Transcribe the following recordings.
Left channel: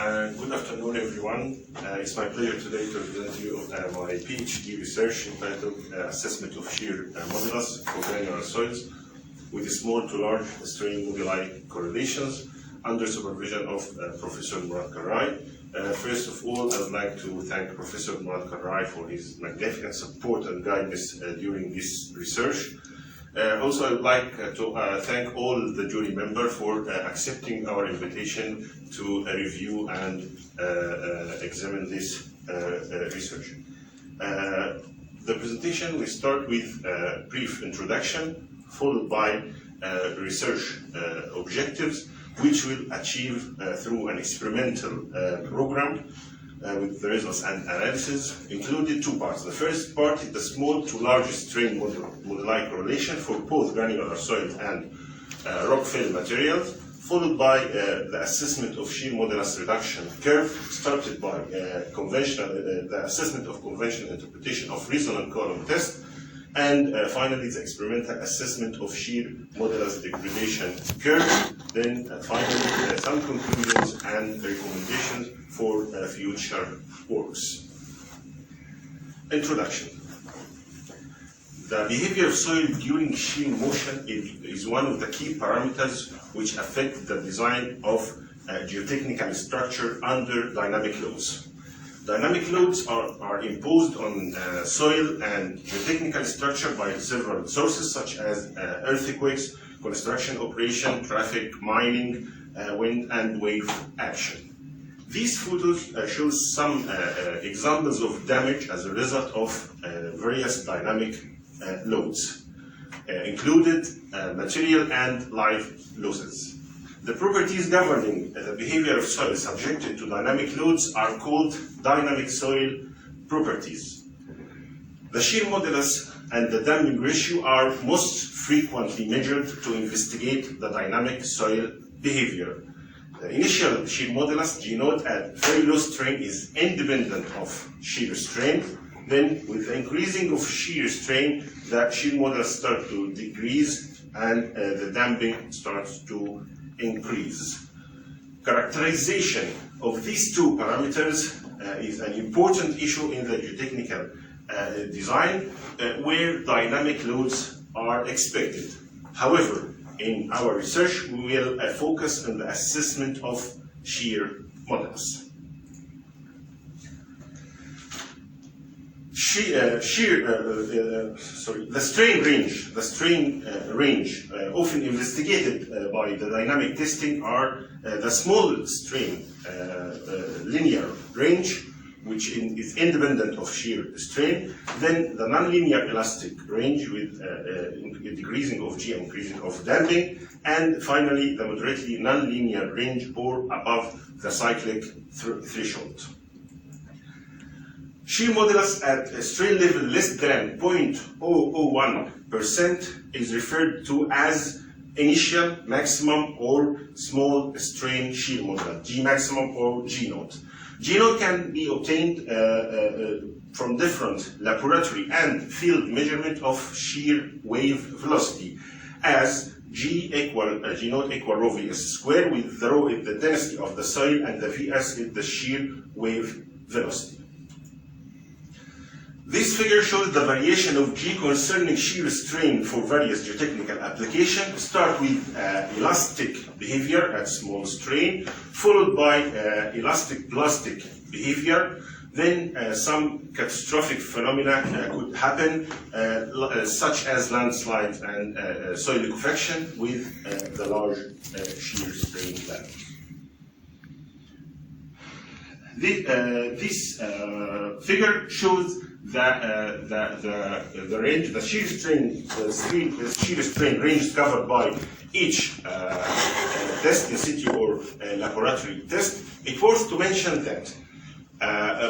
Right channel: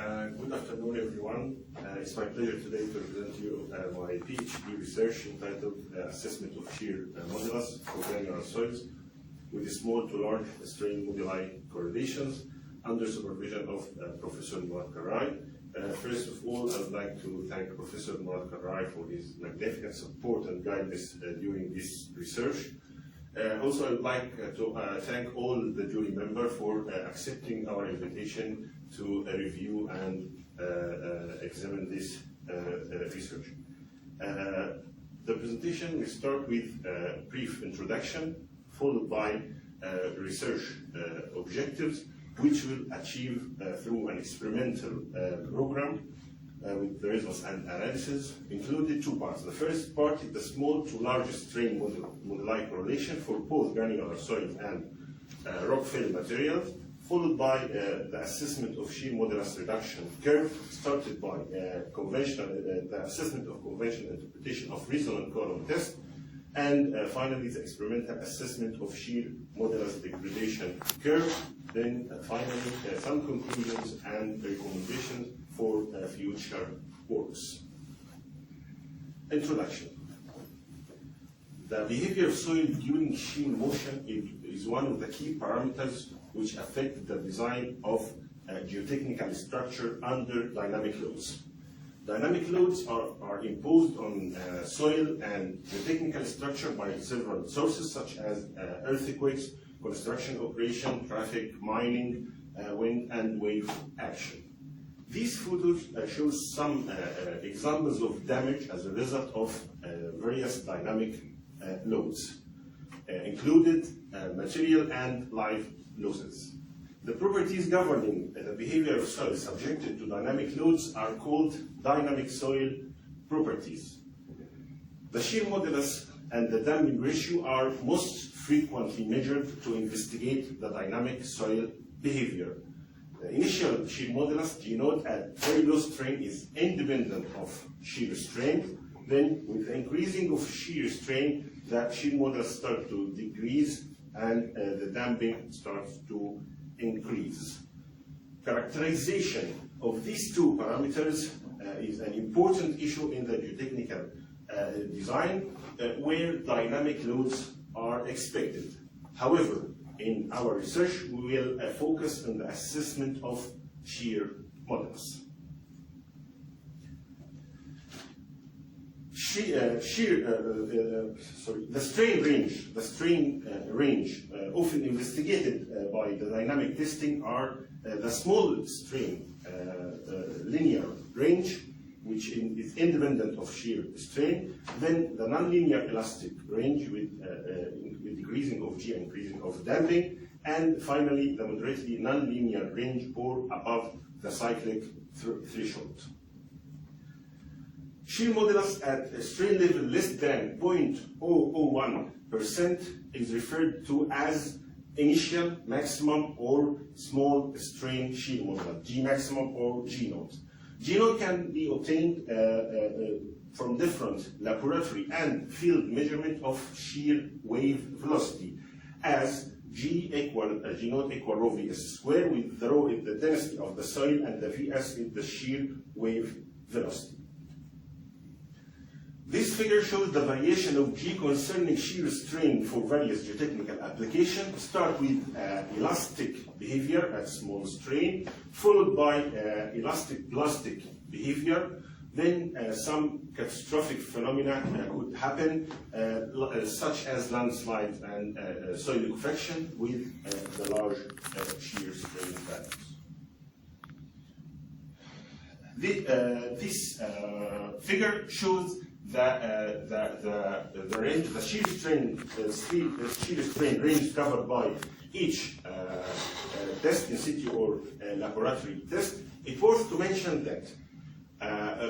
Good afternoon, everyone. It's my pleasure today to present to you my Ph.D. research entitled Assessment of Shear Modulus for Granular Soils with small to large strain moduli correlations under supervision of Professor Murad Karrai. First of all, I would like to thank Professor Murad Karrai for his magnificent support and guidance during this research. Also, I would like to thank all the jury members for accepting our invitation to review and examine this research. The presentation will start with a brief introduction, followed by research objectives, which we'll achieve through an experimental program with the results and analysis, included two parts. The first part is the small to large strain moduli correlation for both granular soil and rock fill materials, followed by the assessment of shear modulus reduction curve, started by the assessment of conventional interpretation of resonant column test, and finally the experimental assessment of shear modulus degradation curve. Then finally some conclusions and recommendations for future works. Introduction. The behavior of soil during shear motion is one of the key parameters which affect the design of geotechnical structure under dynamic loads. Dynamic loads are imposed on soil and geotechnical structure by several sources such as earthquakes, construction operation, traffic, mining, wind and wave action. These photos show some examples of damage as a result of various dynamic loads, included material and life losses. The properties governing the behavior of soil subjected to dynamic loads are called dynamic soil properties. The shear modulus and the damping ratio are most frequently measured to investigate the dynamic soil behavior. The initial shear modulus, G naught, at very low strain is independent of shear strain. Then, with the increasing of shear strain, the shear modulus starts to decrease and the damping starts to increase. Characterization of these two parameters is an important issue in the geotechnical design where dynamic loads are expected. However, in our research, we will focus on the assessment of shear modulus. The strain range often investigated by the dynamic testing are the small strain linear range, which is independent of shear strain, then the nonlinear elastic range with decreasing of G and increasing of damping, and finally the moderately nonlinear range or above the cyclic threshold. Shear modulus at a strain level less than 0.001% is referred to as initial, maximum, or small strain shear modulus, G maximum or G naught. G naught can be obtained from different laboratory and field measurement of shear wave velocity as G naught equal rho Vs squared, with the rho is the density of the soil and the Vs is the shear wave velocity. This figure shows the variation of G concerning shear strain for various geotechnical applications. Start with elastic behavior at small strain, followed by elastic plastic behavior. Then some catastrophic phenomena could happen, such as landslides and soil liquefaction with the large shear strain damage. This figure shows the range, the shear strain range covered by each test in situ or laboratory test. It's worth to mention that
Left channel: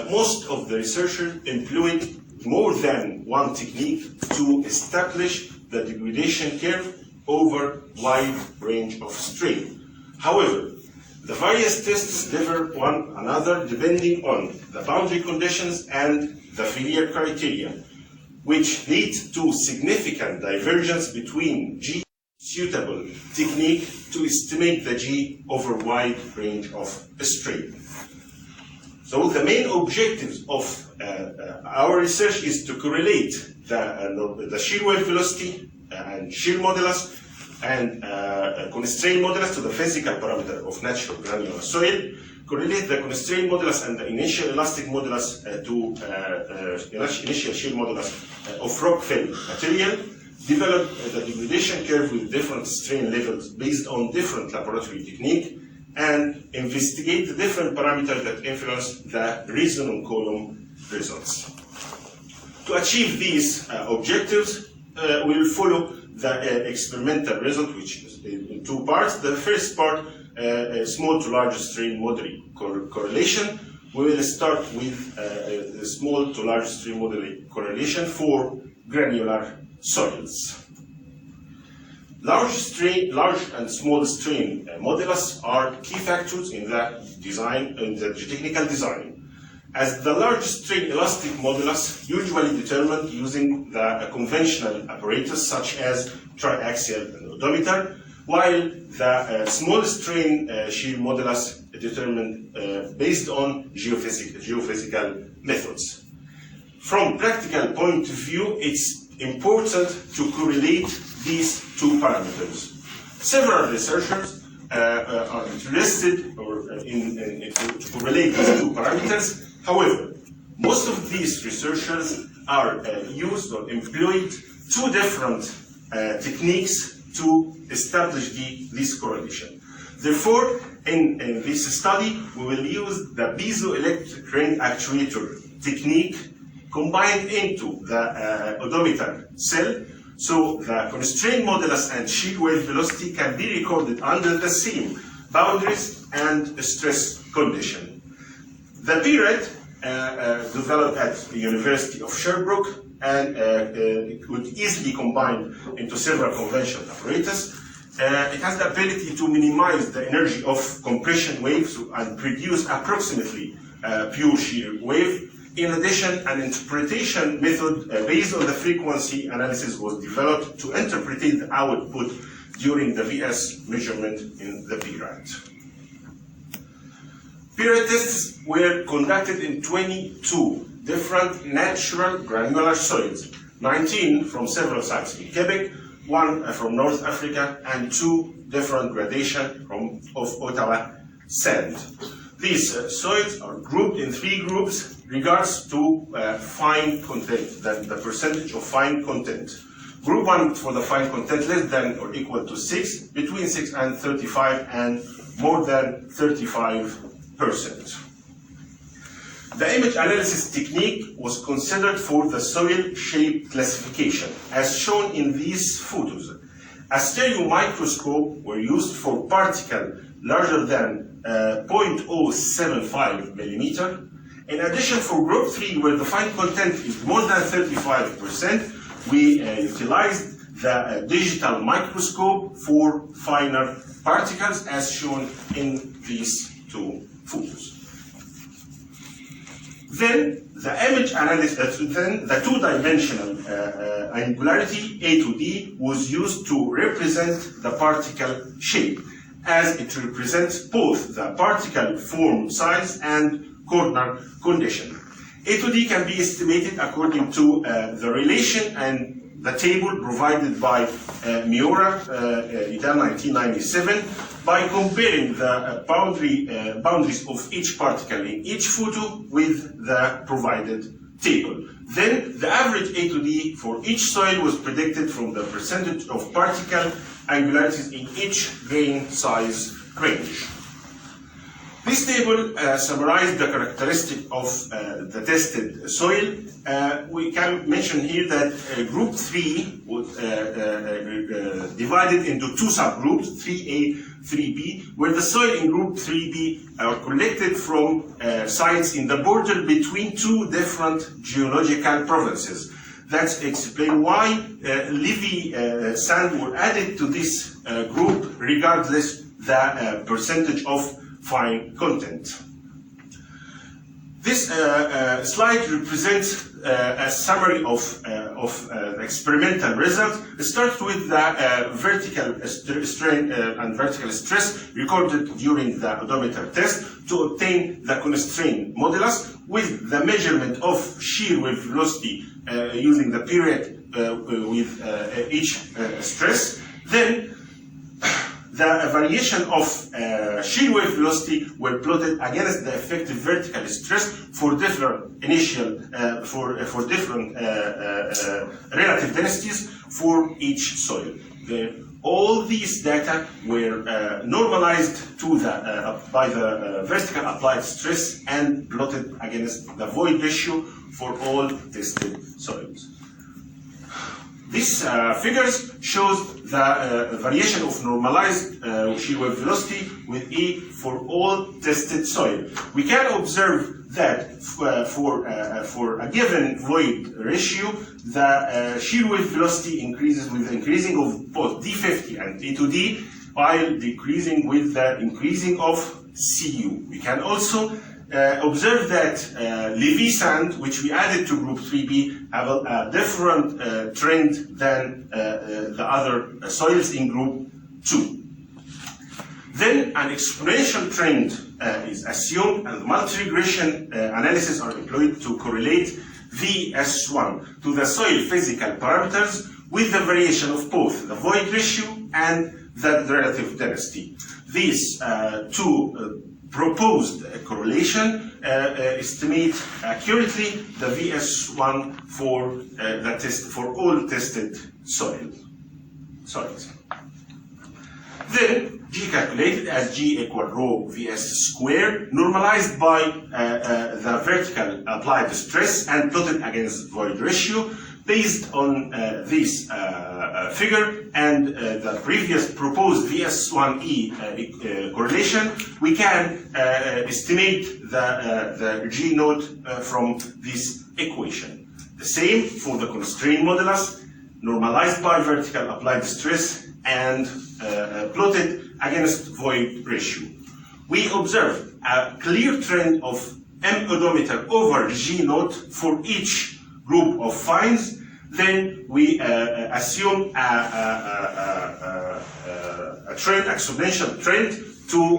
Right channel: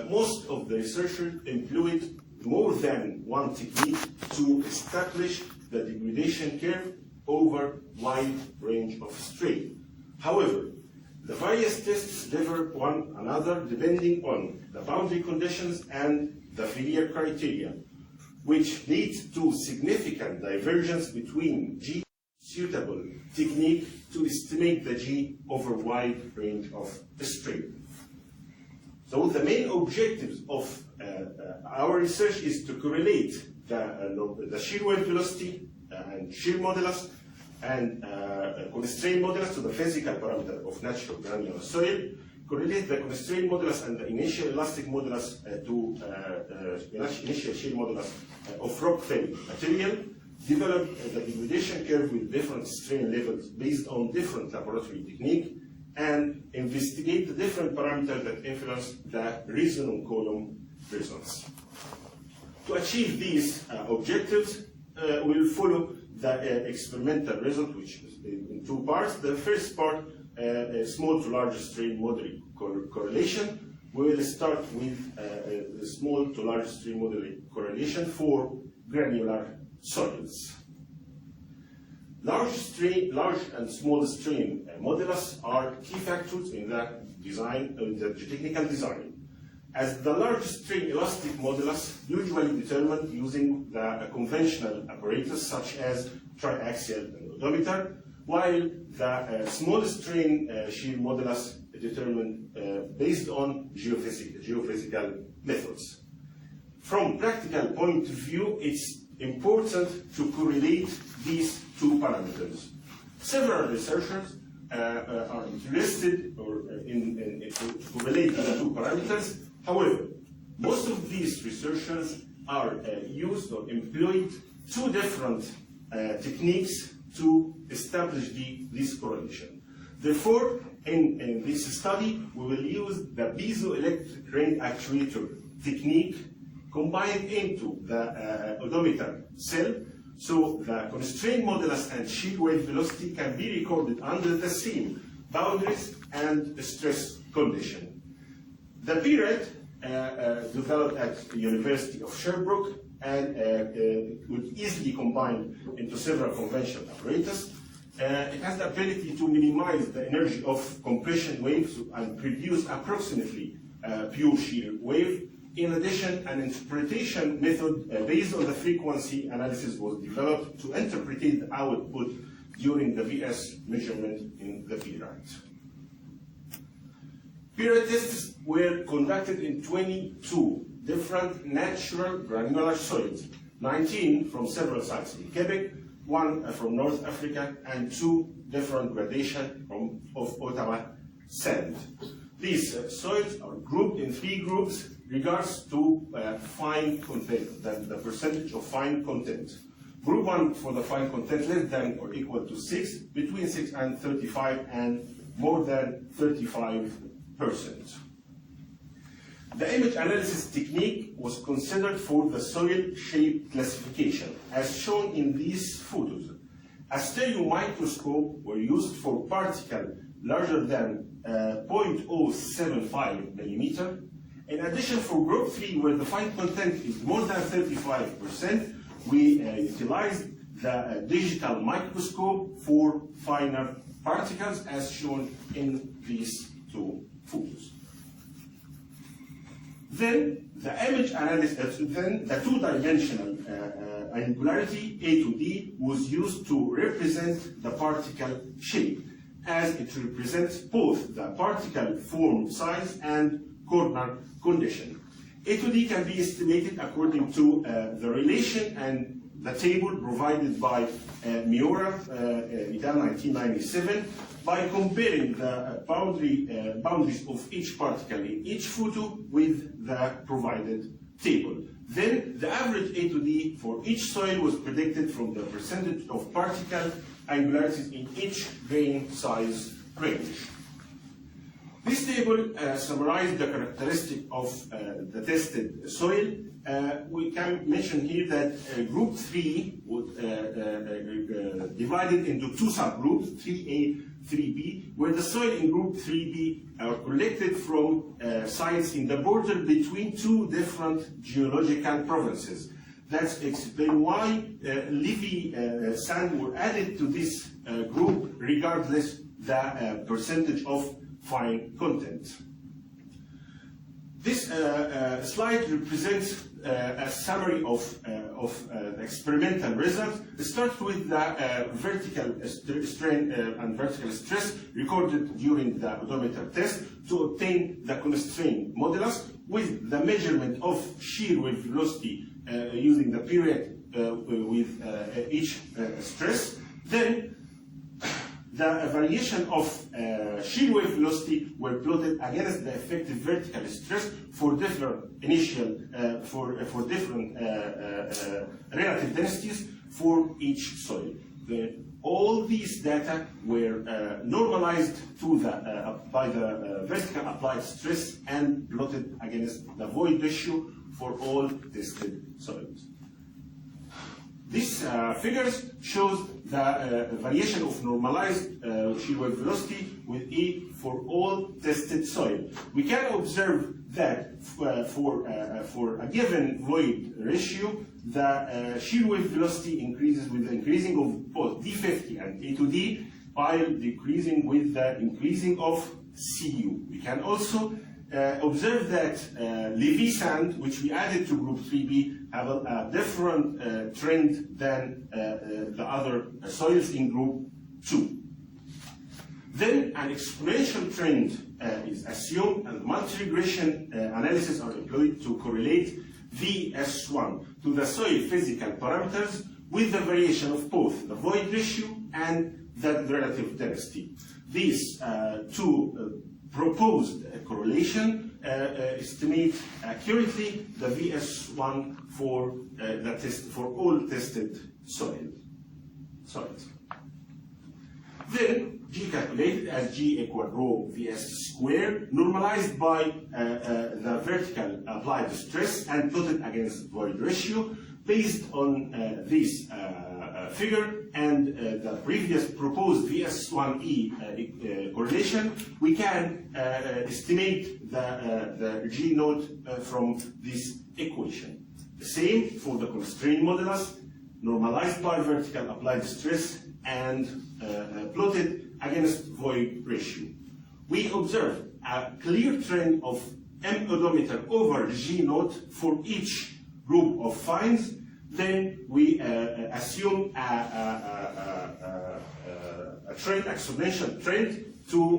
most of the researchers employed more than one technique to establish the degradation curve over wide range of strain. However, the various tests differ one another depending on the boundary conditions and the failure criteria, which lead to significant divergence between G suitable technique to estimate the G over a wide range of strain. So the main objectives of our research is to correlate the shear wave velocity and shear modulus and constraint modulus to the physical parameter of natural granular soil, correlate the constraint modulus and the initial elastic modulus to initial shear modulus of rock fill material, develop the degradation curve with different strain levels based on different laboratory technique, and investigate the different parameters that influence the resonant column results. To achieve these objectives, we will follow the experimental result, which is in two parts. The first part, small to large strain Moduli correlation. We will start with the small to large strain Moduli correlation for granular soils. Large and small strain modulus are key factors in the design, in the geotechnical design, as the large strain elastic modulus usually determined using the conventional apparatus such as triaxial and oedometer, while the small strain shear modulus determined based on geophysical methods. From practical point of view, it's important to correlate these two parameters. Several researchers are interested to correlate these two parameters. However, most of these researchers are used or employed two different techniques to establish this correlation. Therefore, in this study, we will use the piezoelectric ring-actuator technique combined into the oedometer cell, so the constraint modulus and shear wave velocity can be recorded under the same boundaries and stress condition. The period developed at the University of Sherbrooke, and it could easily combine into several conventional apparatus. It has the ability to minimize the energy of compression waves and produce approximately pure shear wave. In addition, an interpretation method based on the frequency analysis was developed to interpret the output during the VS measurement in the period. Period tests were conducted in 22 different natural granular soils, 19 from several sites in Quebec, 1 from North Africa, and 2 different gradations of Ottawa sand. These soils are grouped in 3 groups regards to fine content, the percentage of fine content. Group 1 for the fine content less than or equal to 6, between 6 and 35, and more than 35%. The image analysis technique was considered for the soil shape classification, as shown in these photos. A stereo microscope were used for particles larger than 0.075 millimeter. In addition, for group 3, where the fine content is more than 35%, we utilized the digital microscope for finer particles, as shown in these 2 photos. Then the image analysis, then the 2-dimensional angularity A to D was used to represent the particle shape, as it represents both the particle form size and corner condition. A to D can be estimated according to the relation and the table provided by Miura, Id 1997, by comparing the boundaries of each particle in each photo with the provided table. Then the average A to D for each soil was predicted from the percentage of particle angularities in each grain size range. This table summarized the characteristic of the tested soil. We can mention here that group 3 was divided into 2 subgroups, 3A, 3B, where the soil in group 3B are collected from sites in the border between 2 different geological provinces. That's explain why levee sand were added to this group regardless the percentage of fine content. This slide represents a summary of experimental results start with the vertical strain and vertical stress recorded during the oedometer test to obtain the constraint modulus with the measurement of shear wave velocity using the period with each stress. Then the variation of shear wave velocity were plotted against the effective vertical stress for different initial for different relative densities for each soil. All these data were normalized to by the vertical applied stress and plotted against the void ratio for all tested soils. These figures shows the variation of normalized shear wave velocity with E for all tested soil. We can observe that for a given void ratio, the shear wave velocity increases with the increasing of both D50 and E2D, while decreasing with the increasing of Cu. We can also observe that Levy sand, which we added to group 3B, have a different trend than the other soils in group 2. Then an exponential trend is assumed, and multi-regression analysis are employed to correlate VS1 to the soil physical parameters with the variation of both the void ratio and the relative density. These two proposed correlation estimate accurately the VS1 for the test for all tested soils. Then G calculated as G equal rho Vs squared, normalized by the vertical applied stress and plotted against void ratio. Based on this figure and the previous proposed VS1E correlation, we can estimate the G naught from this equation. The same for the constraint modulus, normalized by vertical applied stress and plotted against void ratio. We observe a clear trend of M oedometer over G naught for each group of finds. Then we assume a trend, exponential trend, to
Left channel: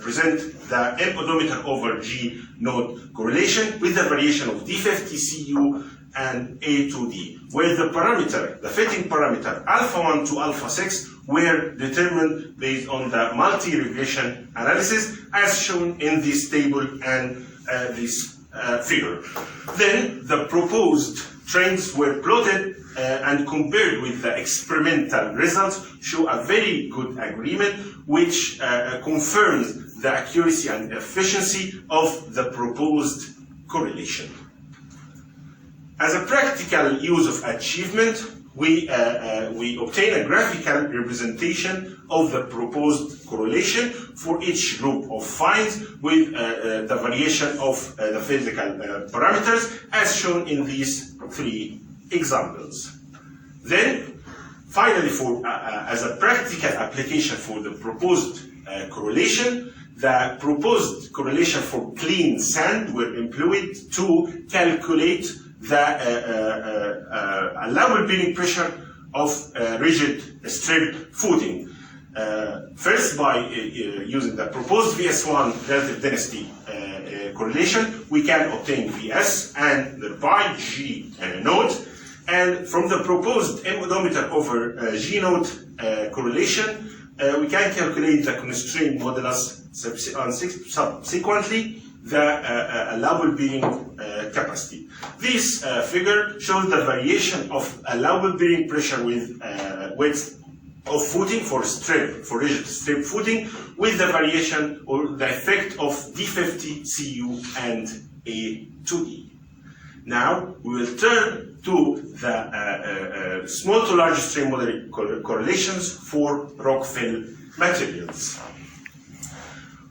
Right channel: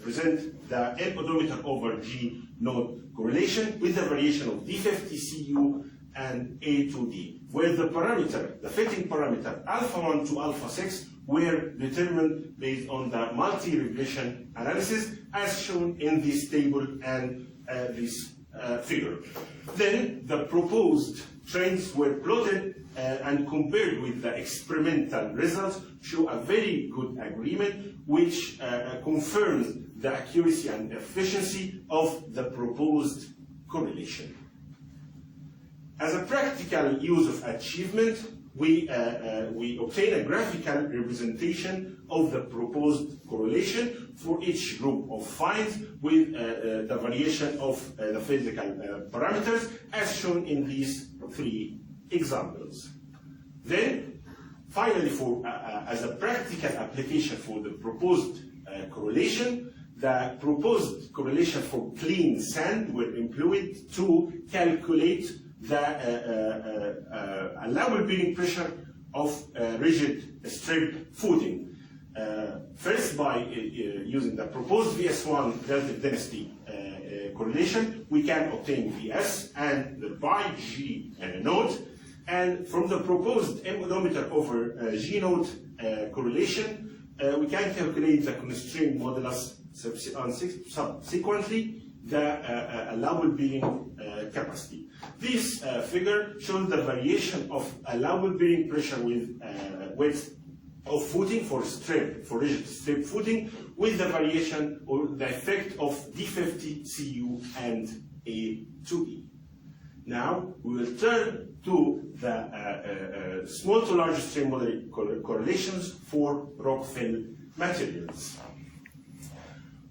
present the M oedometer over G naught correlation with the variation of D50 Cu and A to D, where the parameter, the fitting parameter alpha 1 to alpha 6, were determined based on the multi-regression analysis as shown in this table and this figure. Then the proposed trends were plotted and compared with the experimental results, show a very good agreement, which confirms the accuracy and efficiency of the proposed correlation. As a practical use of achievement, we obtain a graphical representation of the proposed correlation for each group of finds with the variation of the physical parameters as shown in these three examples. Then, finally, as a practical application for the proposed correlation, the proposed correlation for clean sand were employed to calculate the allowable bearing pressure of rigid strip footing. First, by using the proposed VS1 relative density correlation, we can obtain Vs and thereby G naught. And from the proposed M oedometer over G naught correlation, we can calculate the constraint modulus, subsequently the allowable bearing capacity. This figure shows the variation of allowable bearing pressure with width of footing for rigid strip footing, with the variation or the effect of D50 Cu and A to E. Now we will turn to the small to large strain modeling correlations for rock-fill materials.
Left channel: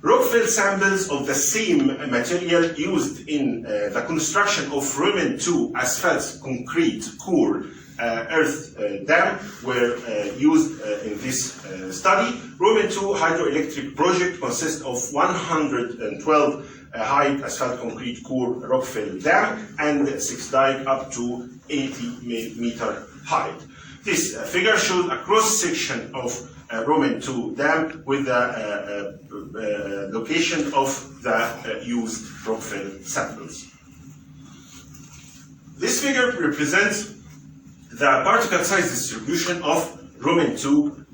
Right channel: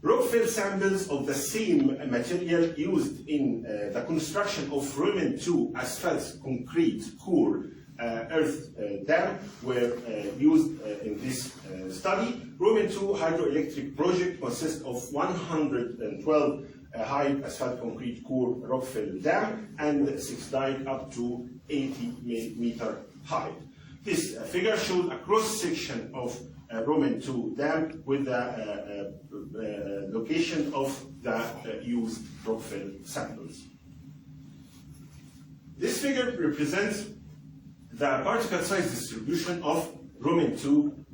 Rock-fill samples of the same material used in the construction of Roman 2 asphalt concrete core earth dam were used in this study. Roman 2 hydroelectric project consists of 112 high asphalt concrete core rock-fill dam and 6 dike up to 80 meter height. This figure shows a cross-section of Roman 2 dam with the location of the used rock-fill samples. This figure represents the particle size distribution of Roman 2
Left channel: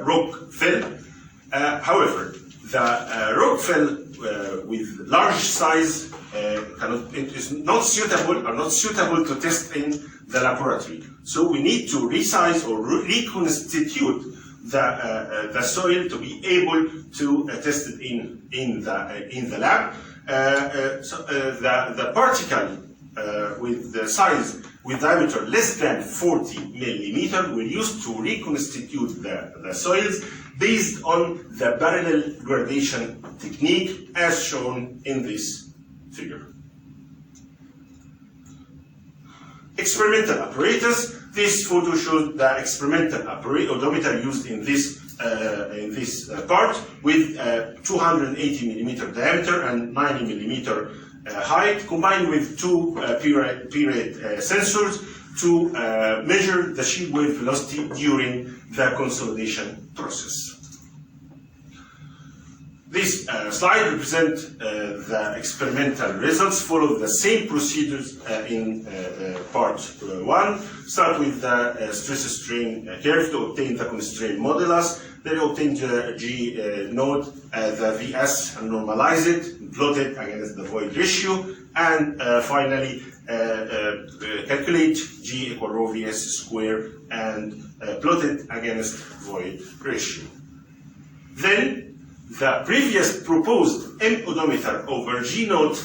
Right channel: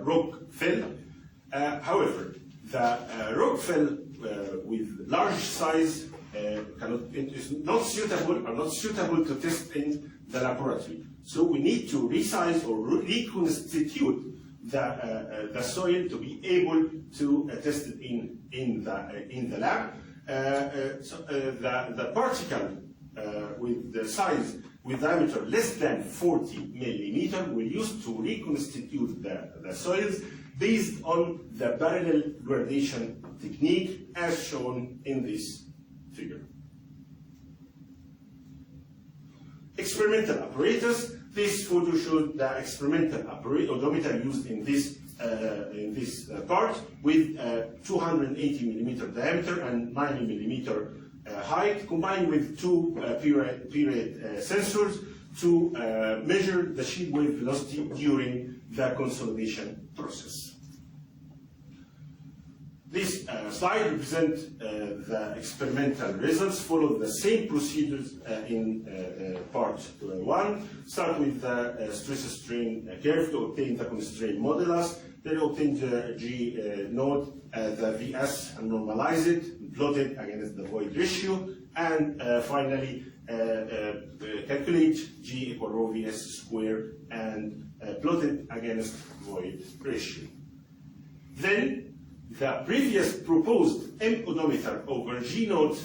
rock fill. However, the rock fill with large size it is not suitable to test in the laboratory. So we need to resize or reconstitute the soil to be able to test it in the lab. The particle with the size with diameter less than 40 millimeter were used to reconstitute the soils based on the parallel gradation technique as shown in this figure. Experimental apparatus. This photo shows the experimental oedometer used in this part with 280 millimeter diameter and 90 millimeter height, combined with two period sensors to measure the shear wave velocity during the consolidation process. This slide represents the experimental results. Follow the same procedures in part 1. Start with the stress-strain curve to obtain the constraint modulus. Then obtain the G node, the VS, and normalize it, plot it against the void ratio, and finally calculate G equal rho VS square and plot it against void ratio. Then the previous proposed M oedometer over G node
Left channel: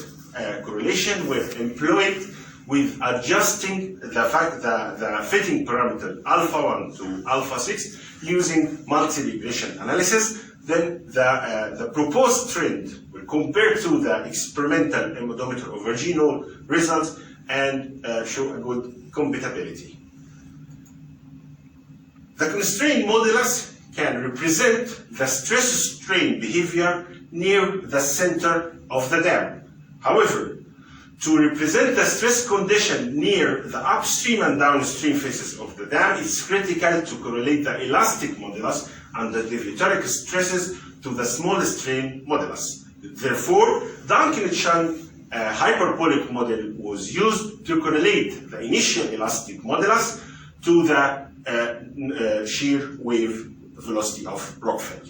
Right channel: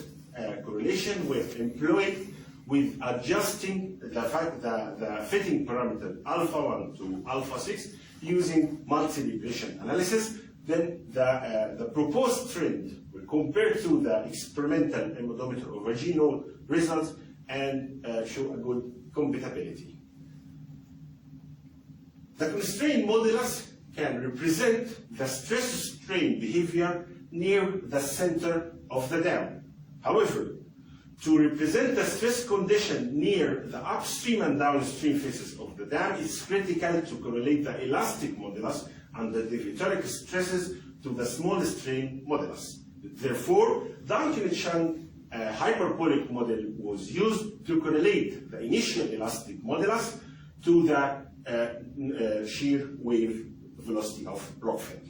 correlation were employed with adjusting the fitting parameter alpha 1 to alpha 6 using multi-regression analysis. Then the proposed trend will compare to the experimental M oedometer over G node results and show a good compatibility. The constraint modulus can represent the stress-strain behavior near the center of the dam. However, to represent the stress condition near the upstream and downstream faces of the dam, it's critical to correlate the elastic modulus and the deviatoric stresses to the small strain modulus. Therefore, Duncan-Chung hyperbolic model was used to correlate the initial elastic modulus to the shear wave velocity of rockfill.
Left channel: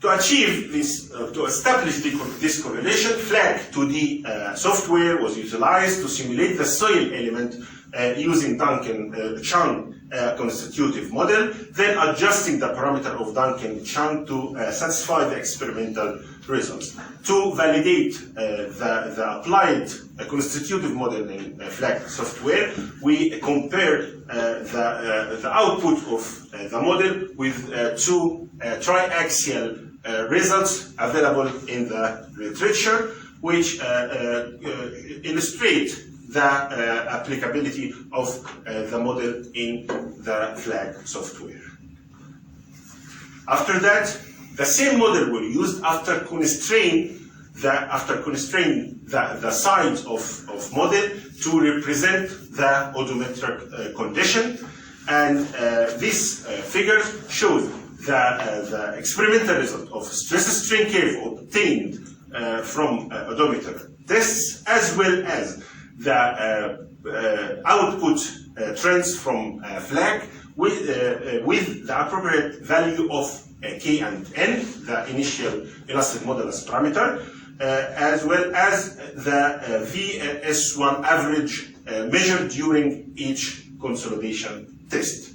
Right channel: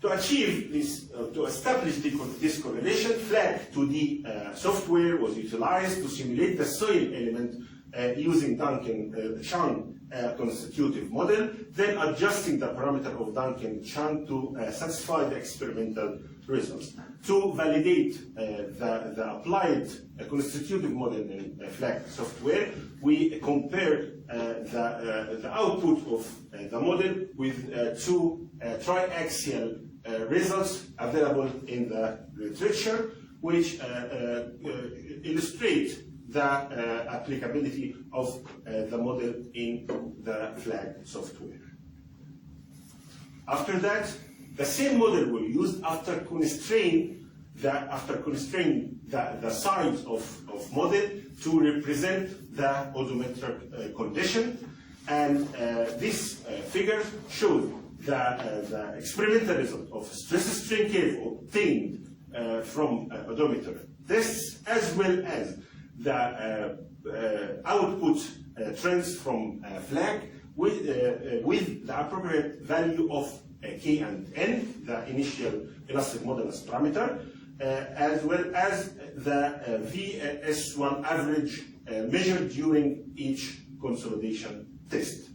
To achieve this, to establish this correlation, FLAG 2D software was utilized to simulate the soil element using Duncan-Chung constitutive model, then adjusting the parameter of Duncan-Chung to satisfy the experimental results. To validate the applied constitutive model in FLAG software, we compared the output of the model with two triaxial results available in the literature, which illustrate the applicability of the model in the FLAG software. After that, the same model were used after constrain the size of model to represent the oedometric condition, and this figure shows the experimental result of stress-strain curve obtained from oedometer tests, as well as the output trends from FLAG with the appropriate value of K and N, the initial elastic modulus parameter, as well as the VS1 average measured during each consolidation test.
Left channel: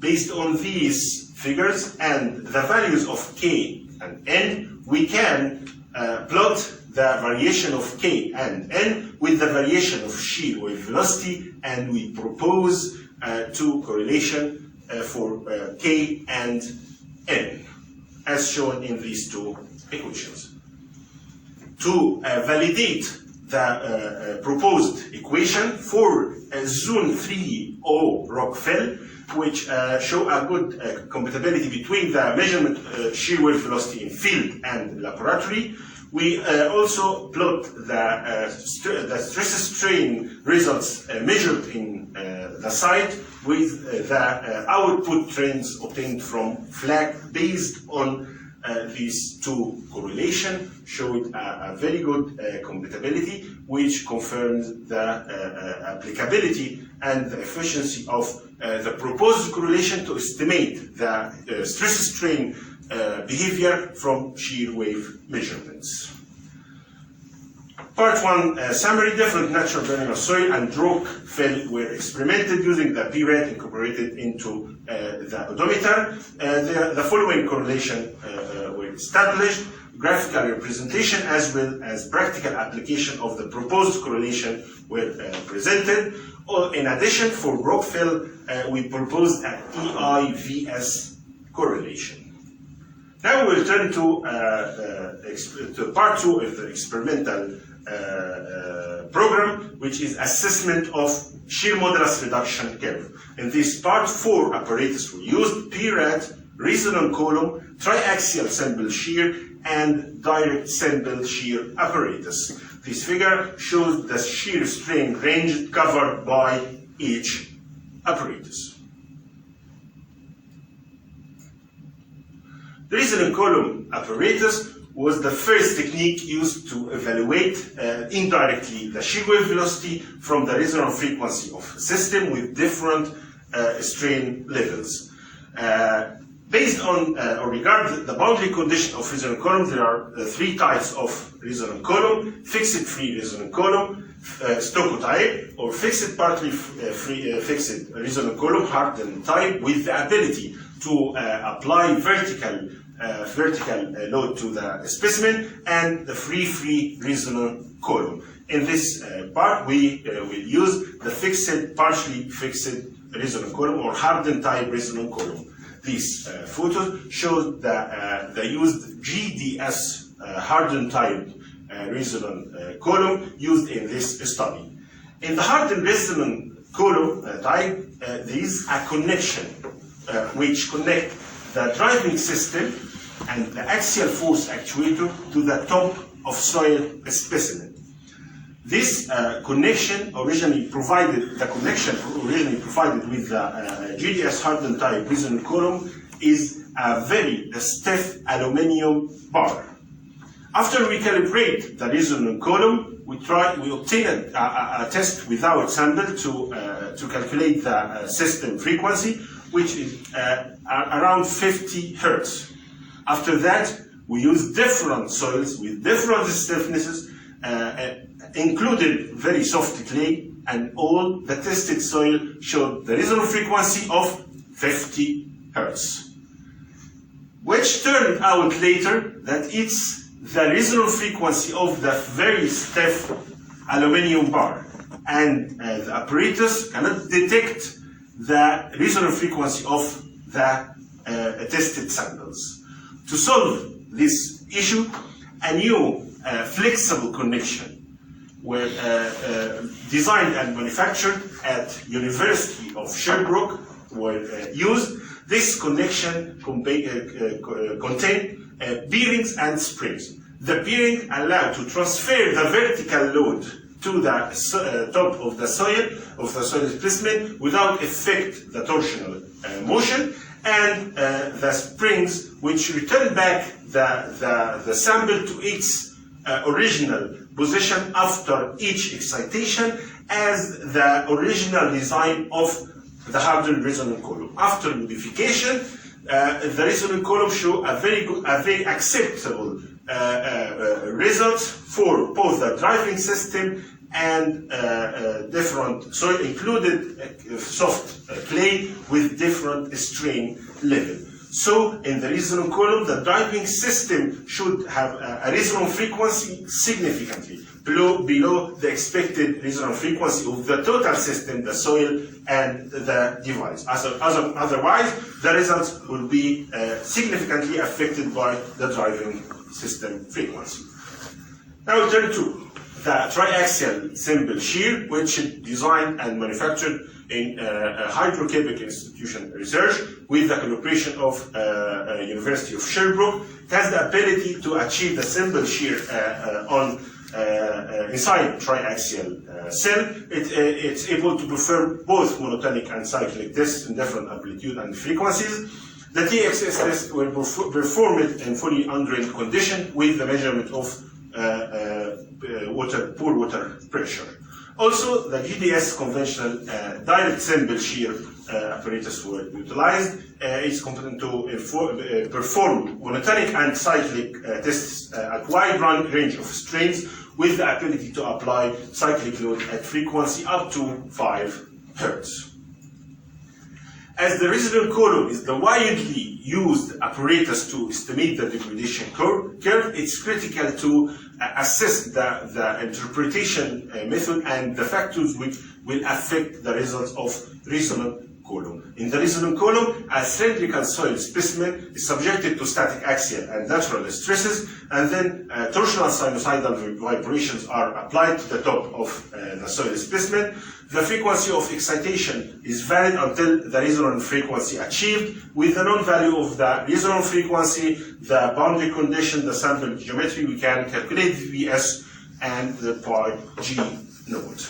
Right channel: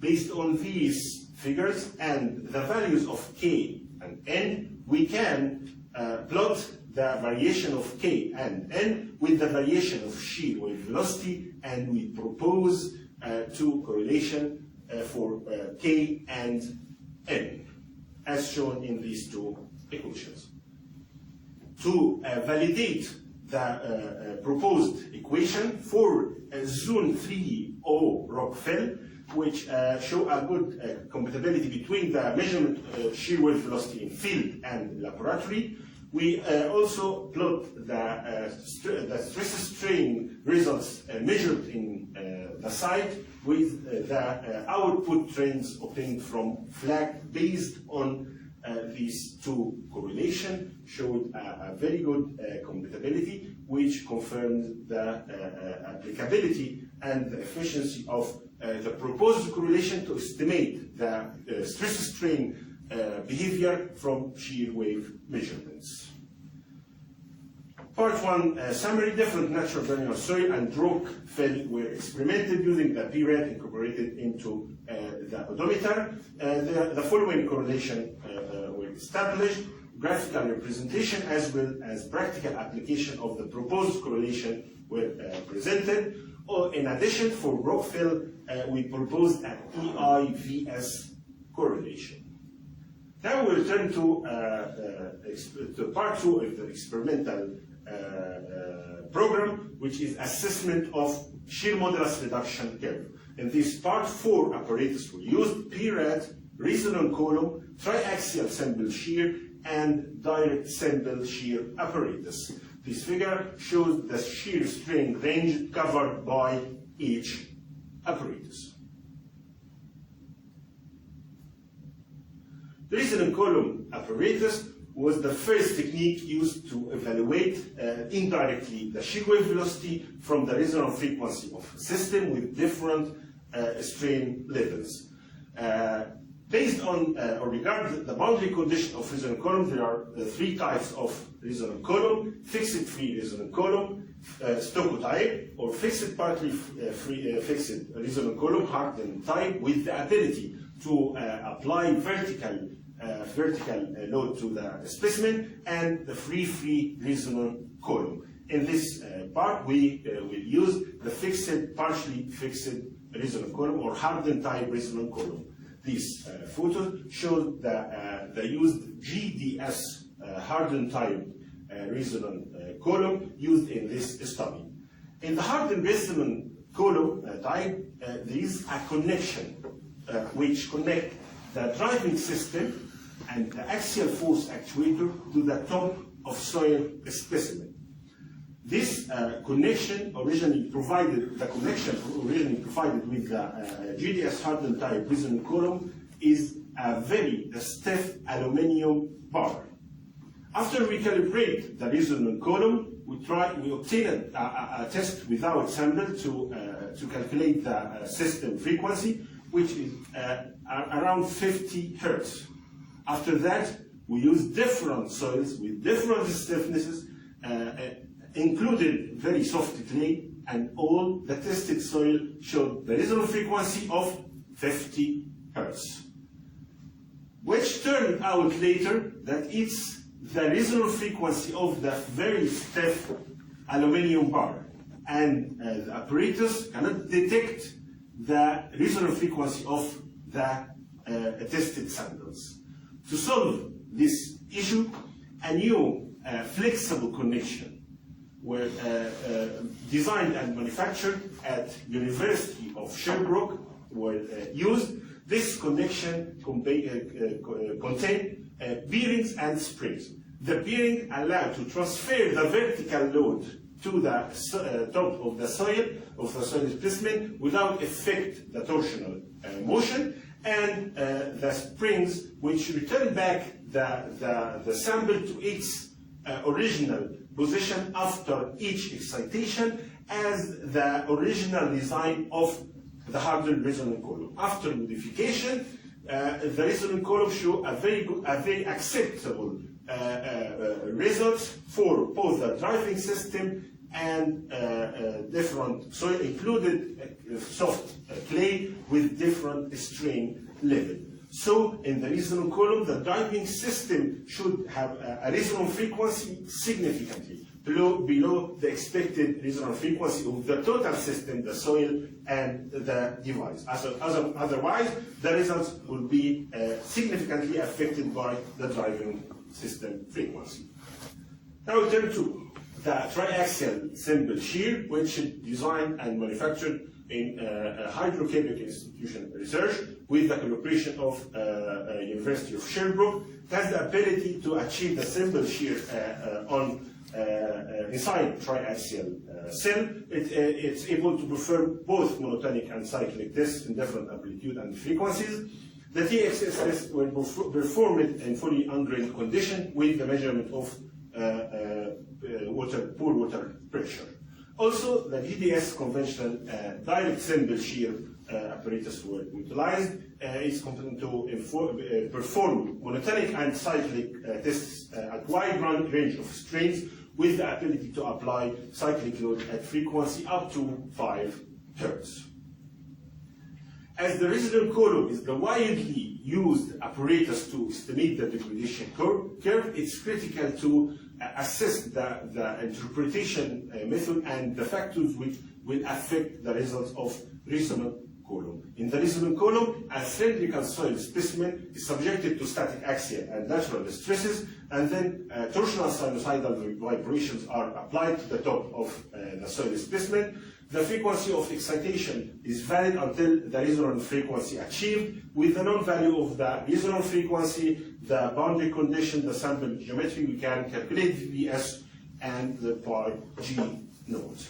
Based on these figures and the values of K and N, we can plot the variation of K and N with the variation of shear wave velocity, and we propose two correlation for K and N, as shown in these two equations. To validate the proposed equation for Zone 3O rock fill, which show a good compatibility between the measurement shear wave velocity in field and laboratory. We also plot the stress strain results measured in the site with the output trends obtained from flag based on these two correlations. Showed a very good compatibility, which confirms the applicability and the efficiency of the proposed correlation to estimate the stress strain behavior from shear wave measurements. Part 1 summary: different natural granular soil and rock fill were experimented using the P-rate incorporated into the oedometer. The following correlation were established: graphical representation as well as practical application of the proposed correlation were presented. In addition, for rock fill, we proposed an EIVS correlation. Now we'll turn to part 2 of the experimental program, which is assessment of shear modulus reduction curve. In this part, 4 apparatus were used: P-rate, resonant column, triaxial simple shear, and direct simple shear apparatus. This figure shows the shear strain range covered by each apparatus. The resonant column apparatus was the first technique used to evaluate indirectly the shear wave velocity from the resonant frequency of a system with different strain levels. Based on or regarding the boundary condition of resonant column, there are 3 types of resonant column: fixed free resonant column, Stocko type, or fixed partly fixed resonant column, hardened type, with the ability to apply vertical load to the specimen, and the free resonant column. In this part, we will use the fixed, partially fixed resonant column or hardened type resonant column. These photos show the used GDS hardened type resonant column used in this study. In the hardened resonant column type, there is a connection which connect the driving system and the axial force actuator to the top of soil specimen. This connection originally provided with the GDS hardened type resonant column is a very stiff aluminum bar. After we calibrate the resonant column, we obtain a test without sample to calculate the system frequency, which is around 50 Hertz. After that, we use different soils with different stiffnesses, included very soft clay, and all the tested soil showed the resonant frequency of 50 Hertz. Which turned out later that it's the resonant frequency of the very stiff aluminum bar, and the apparatus cannot detect the resonant frequency of the tested samples. To solve this issue, a new flexible connection were designed and manufactured at University of Sherbrooke were used. This connection contained bearings and springs. The bearing allowed to transfer the vertical load to the top of the soil specimen without affect the torsional motion, and the springs which return back the sample to its original position after each excitation as the original design of the hardened resonant column. After modification, the resonant column show a very acceptable results for both the driving system and different soil, included soft clay with different strain level. So in the resonant column, the driving system should have a resonant frequency significantly below the expected resonant frequency of the total system, the soil and the device. Otherwise, the results will be significantly affected by the driving system frequency. Now we'll turn to the triaxial simple shear, which is designed and manufactured in hydrocabic institution research with the collaboration of University of Sherbrooke. It has the ability to achieve the simple shear inside triaxial cell. It's able to perform both monotonic and cyclic tests in different amplitude and frequencies. The TXS test will perform it in fully undrained condition with the measurement of poor water pressure. Also, the GDS conventional direct simple shear apparatus were utilized. It's competent to perform monotonic and cyclic tests at wide range of strains with the ability to apply cyclic load at frequency up to 5 Hz. As the resonant column is the widely used apparatus to estimate the degradation curve, it's critical to assess the interpretation method and the factors which will affect the results of resonant column. In the resonant column, a cylindrical soil specimen is subjected to static axial and lateral stresses, and then torsional sinusoidal vibrations are applied to the top of the soil specimen. The frequency of excitation is valid until the resonant frequency achieved. With the known value of the resonant frequency, the boundary condition, the sample geometry, we can calculate the Vs and the pi G node.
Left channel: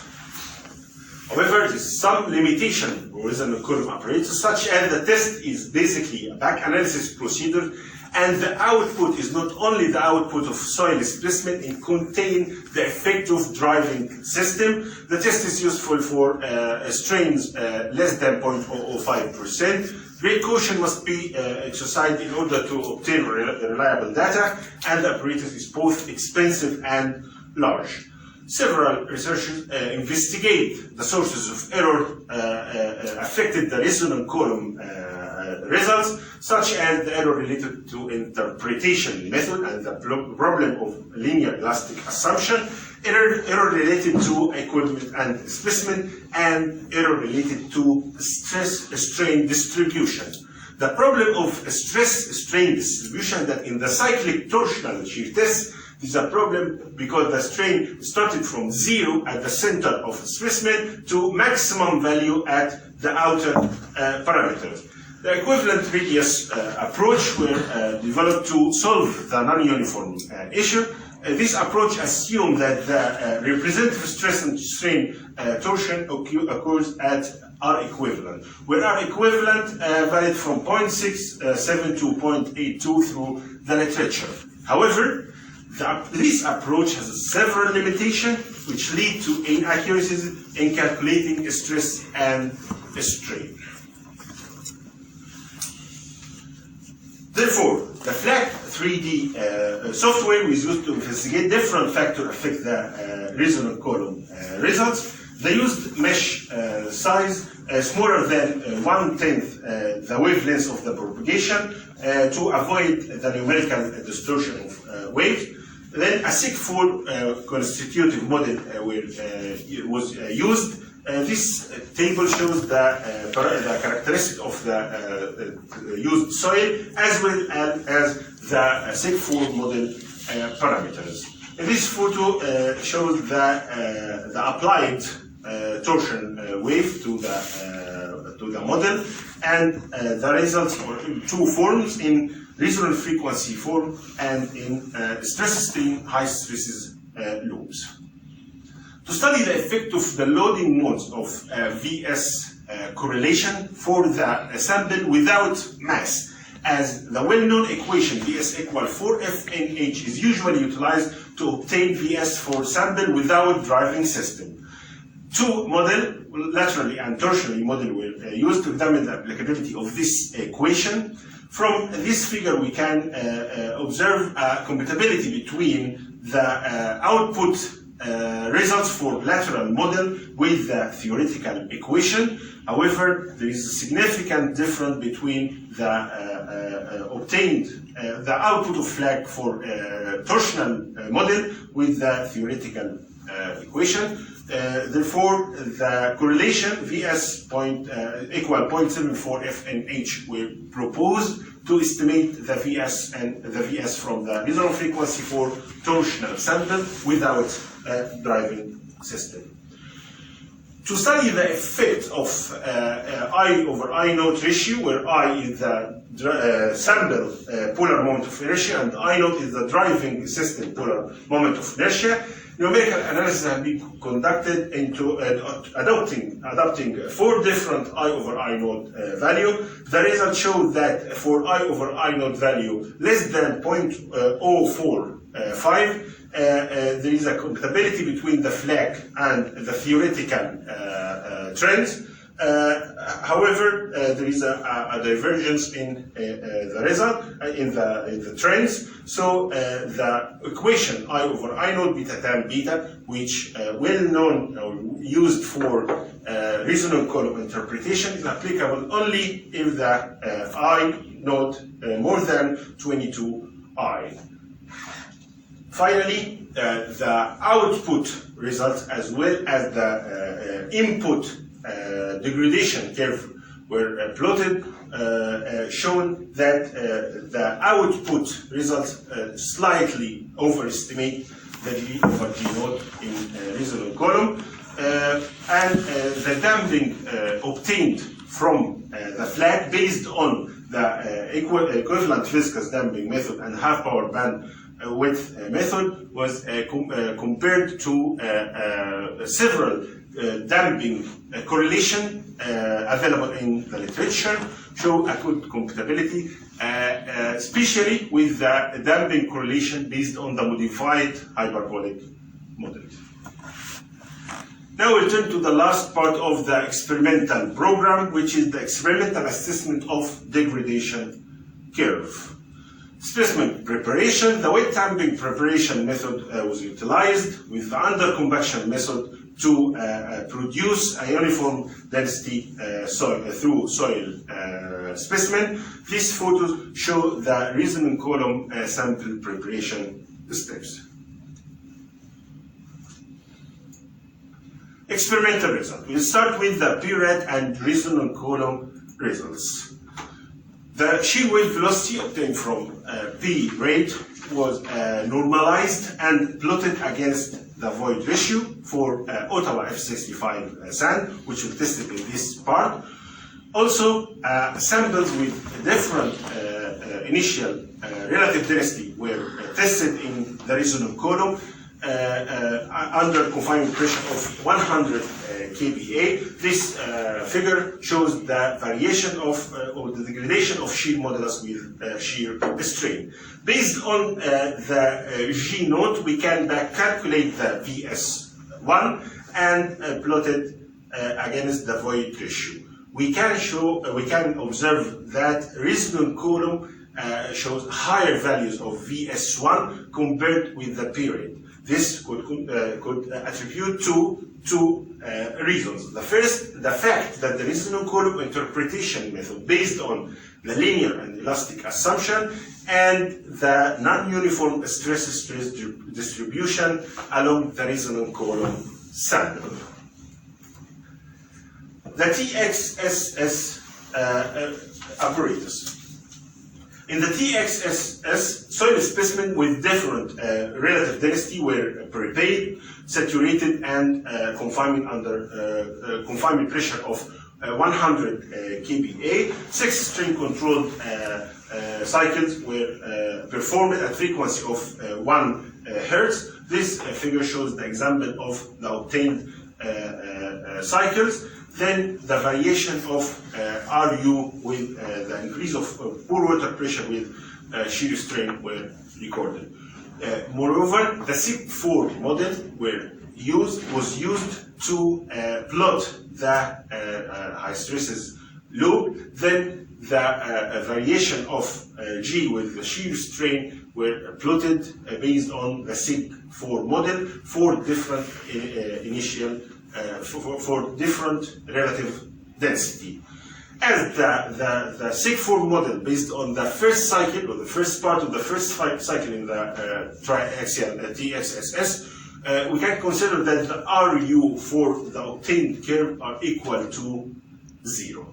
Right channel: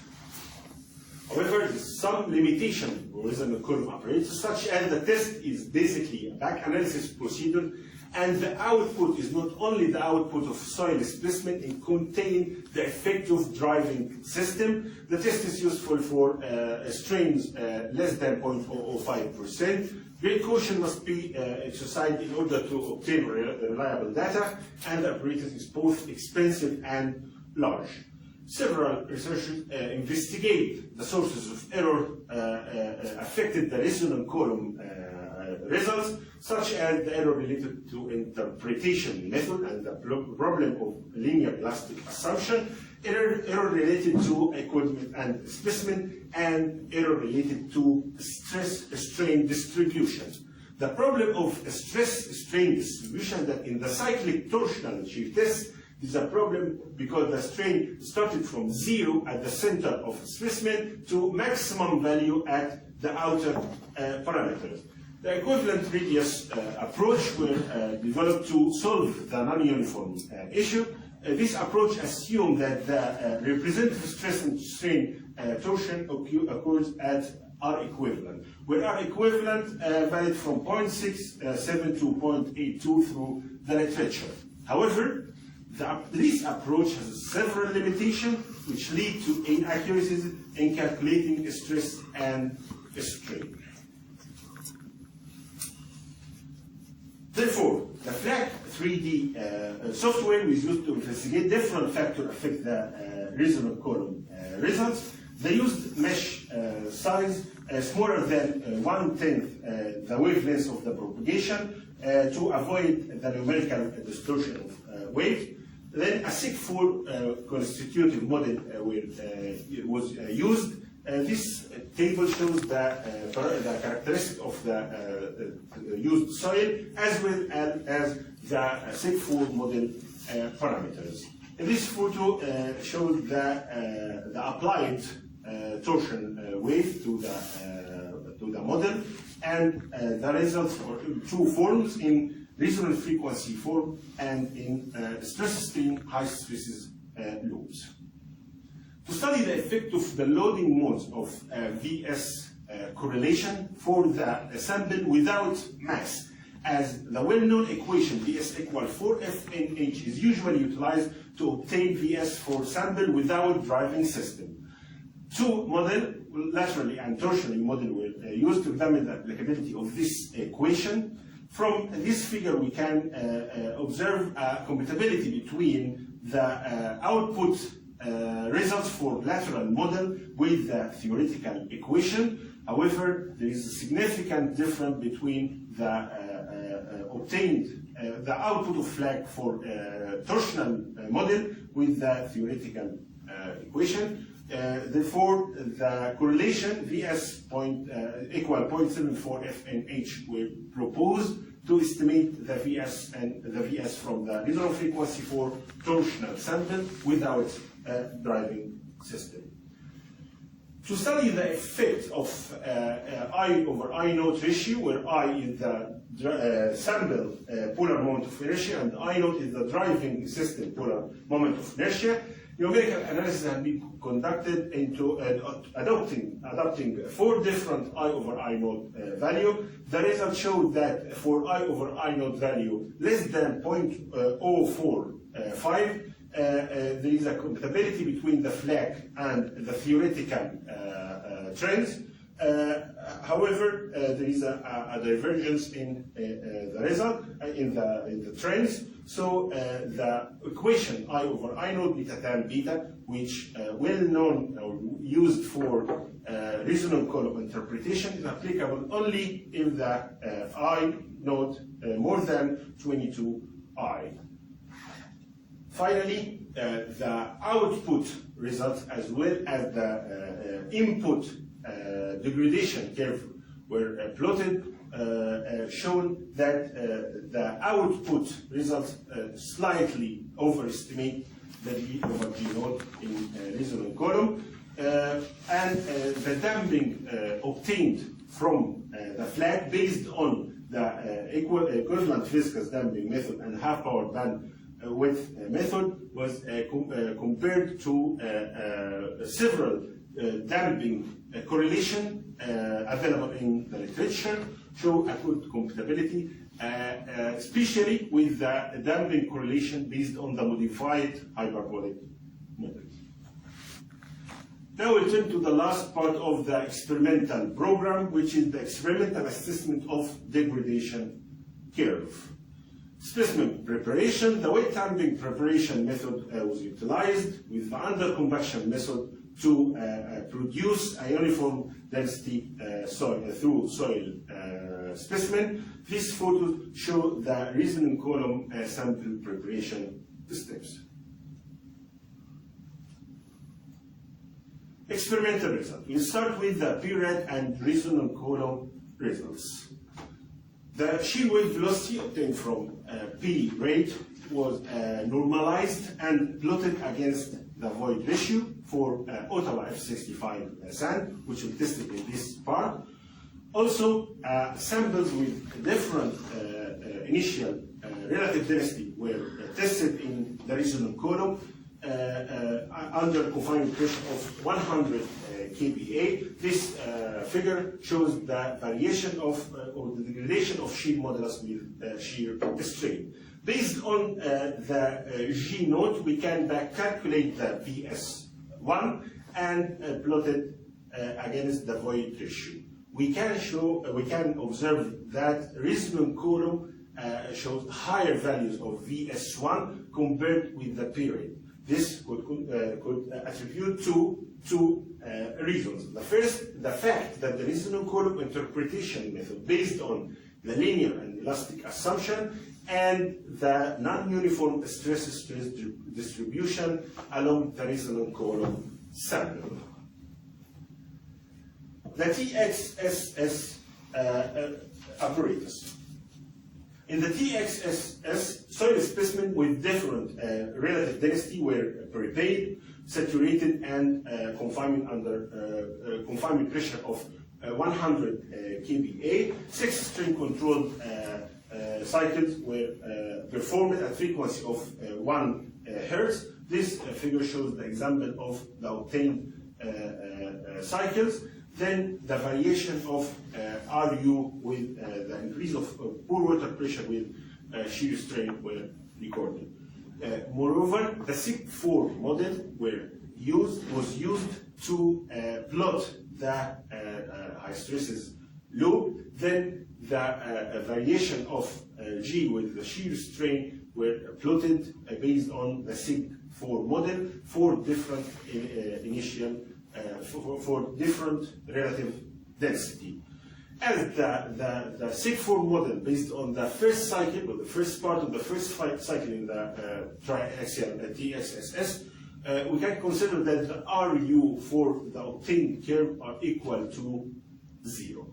However, there is some limitation for resonant column apparatus, such as the test is basically a back analysis procedure, and the output is not only the output of soil specimen, it contains the effective driving system. The test is useful for strains less than 0.005%. Great caution must be exercised in order to obtain reliable data, and the apparatus is both expensive and large. Several researchers investigate the sources of error affected the resonant column results, such as the error related to interpretation method and the problem of linear elastic assumption, error related to equipment and specimen, and error related to stress-strain distribution. The problem of stress-strain distribution that in the cyclic torsional shear test is a problem because the strain started from 0 at the center of the specimen to maximum value at the outer parameters. The equivalent radius approach were developed to solve the non-uniform issue. This approach assumes that the representative stress and strain torsion occurs at R equivalent, where R equivalent varied from 0.67 to 0.82 through the literature. However, this approach has several limitations which lead to inaccuracies in calculating stress and strain. Therefore, the FLAC 3D software was used to investigate different factors affect the resonant column results. They used mesh size smaller than 1/10 the wavelength of the propagation to avoid the numerical distortion of waves. Then a SIG4 constitutive model was used. This table shows the characteristic of the used soil as well as the SIG4 model parameters. This photo shows the applied torsion wave to the model, and the results are in two forms: in resonant frequency form and in stress-strain high stresses loops. To study the effect of the loading modes of VS correlation for the sample without mass, as the well-known equation VS equal 4FNH is usually utilized to obtain VS for sample without driving system. Two models, laterally and torsionally model, were used to examine the applicability of this equation. From this figure, we can observe a compatibility between the output results for lateral model with the theoretical equation. However, there is a significant difference between the obtained the output of FLAC for torsional model with the theoretical equation. Therefore, the correlation VS equal 0.74 FNH were proposed to estimate the VS from the resonant frequency for torsional sample without driving system. To study the effect of I over I naught ratio, where I is the sample polar moment of inertia and I naught is the driving system polar moment of inertia, numerical analysis has been conducted into adopting 4 different I over I naught value. The results show that for I over I naught value less than 0.045, there is a compatibility between the flag and the theoretical trends. However, there is a divergence in the result, in the trends. So the equation I over I naught beta tan beta, which well known or used for resonant column interpretation, is applicable only if the I naught more than 22I. Finally, the output results as well as the input degradation curve were plotted, shown that the output results slightly overestimate the G over G naught in resonant column, and the damping obtained from the flag based on the equivalent viscous damping method and half power band width method was compared to several damping correlation available in the literature, show a good compatibility, especially with the damping correlation based on the modified hyperbolic model. Now we'll turn to the last part of the experimental program, which is the experimental assessment of degradation curve. Specimen preparation. The wet damping preparation method was utilized with the under-convection method to produce a uniform density through soil specimen. These photos show the resonant column sample preparation steps. Experimental result. We'll start with the P-rate and resonant column results. The shear wave velocity obtained from P rate was normalized and plotted against the void ratio for Ottawa F65 sand, which we tested in this part. Also, samples with different initial relative density were tested in the resonant column under confinement pressure of 100 kPa. This figure shows the variation of or the degradation of shear modulus with shear strain. Based on the G naught, we can back calculate the VS1 and plot it against the void ratio. We can observe that resonant column shows higher values of VS1 compared with the period. This could attribute to two reasons. The first, the fact that the resonant column interpretation method based on the linear and elastic assumption and the non-uniform stress distribution along the resonant column sample. The TXSS apparatus. In the TXSS, soil specimen with different relative density were prepared, saturated, and confinement under confinement pressure of 100 kPa. 6 strain controlled cycles were performed at frequency of 1 Hertz. This figure shows the example of the obtained cycles. Then the variation of RU with the increase of pore water pressure with shear strain were recorded. Moreover, the SIG4 model was used to plot the high stresses loop. Then the variation of G with the shear strain were plotted based on the SIG4 model for different initial for different relative density. As the SIG4 model based on the first cycle, or the first part of the first cycle in the triaxial TXSS, we can consider that the RU for the obtained curve are equal to 0.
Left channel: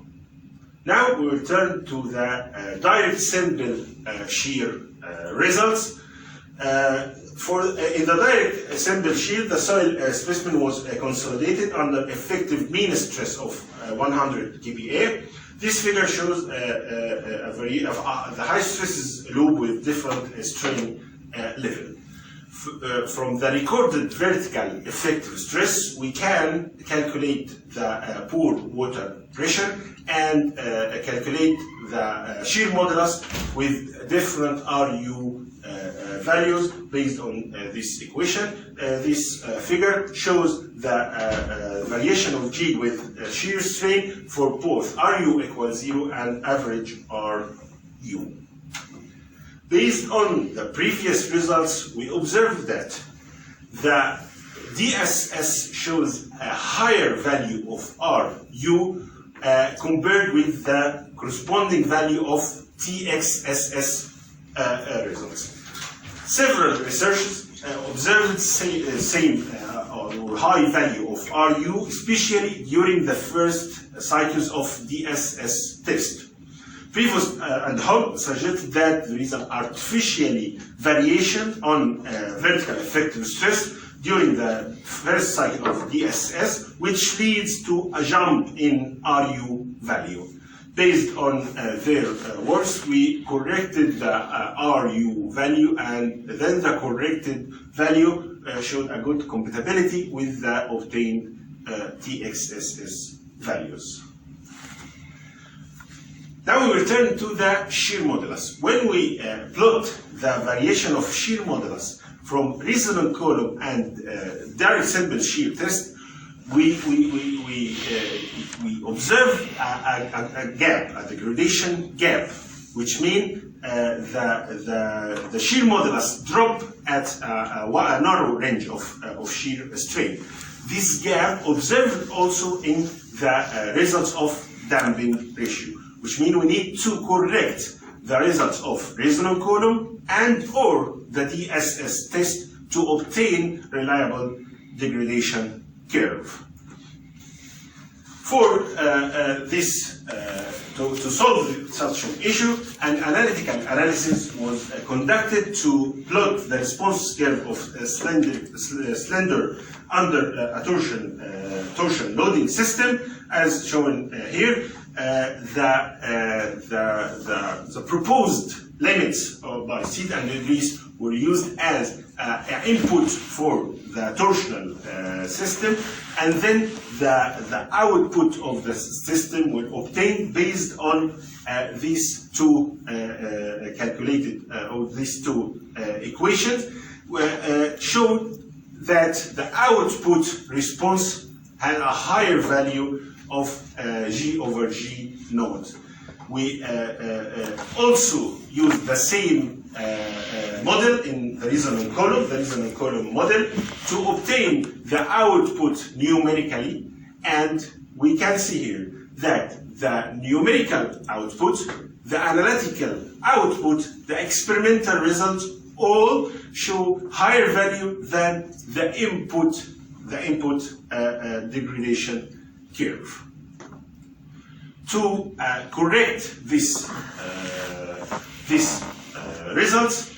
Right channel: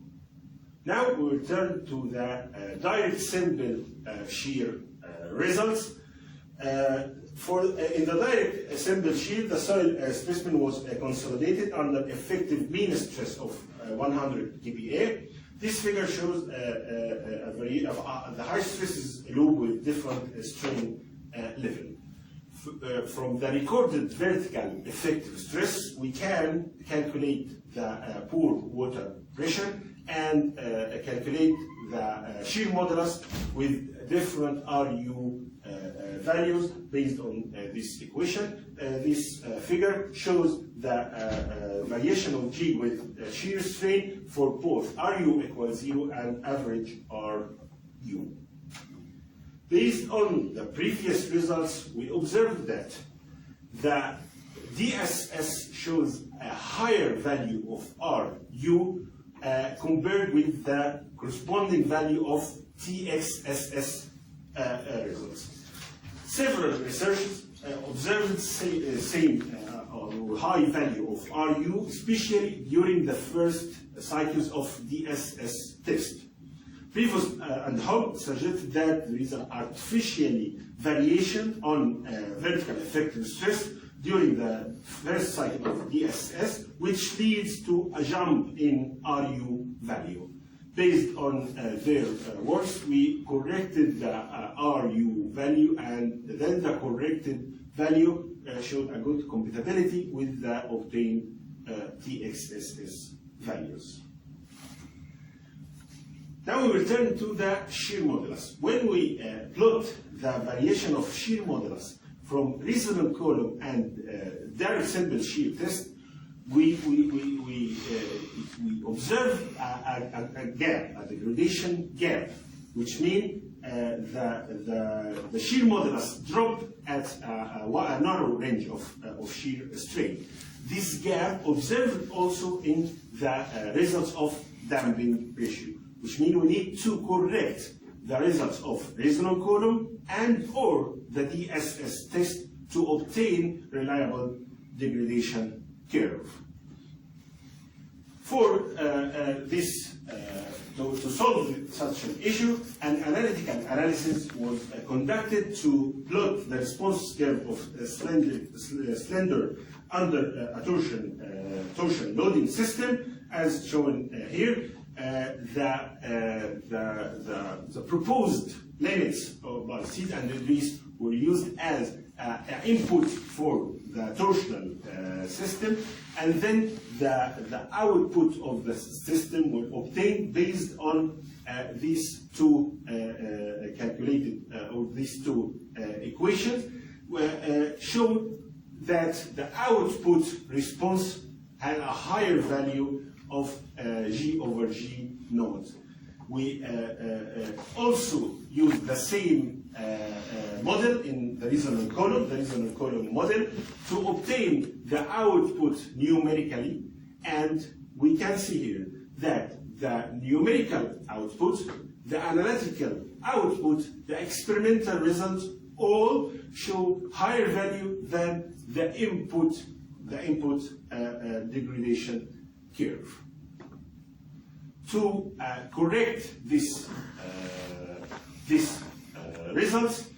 Now we will turn to the direct sample shear results. In the direct assembled shear, the soil specimen was consolidated under effective mean stress of 100 kPa. This figure shows the high stresses loop with different strain level. From the recorded vertical effective stress, we can calculate the pore water pressure and calculate the shear modulus with different RU values based on this equation. This figure shows the variation of G with shear strain for both RU equals 0 and average RU. Based on the previous results, we observed that the DSS shows a higher value of RU compared with the corresponding value of TXSS results. Several researchers observed same or high value of RU, especially during the first cycles of DSS test. Prevost and Hull suggested that there is an artificially variation on vertical effective stress during the first cycle of DSS, which leads to a jump in RU value. Based on their works, we corrected the RU value, and then the corrected value showed a good compatibility with the obtained TXSS values. Now we return to the shear modulus. When we plot the variation of shear modulus from resonant column and direct assembled shear test, we observe a gap, a degradation gap, which means the shear modulus drop at a narrow range of shear strain. This gap observed also in the results of damping ratio, which means we need to correct the results of resonant column and or the DSS test to obtain reliable degradation curve. For to solve such an issue, an analytical analysis was conducted to plot the response curve of slender under a torsion loading system, as shown here. The proposed limits by theta and degrees were used as input for the torsional system, and then the output of the system were obtained based on these two calculated or these two equations, showed that the output response had a higher value of G over G naught. We also used the same model in the resonant column model, to obtain the output numerically, and we can see here that the numerical output, the analytical output, the experimental results all show higher value than the input degradation curve. To correct this results,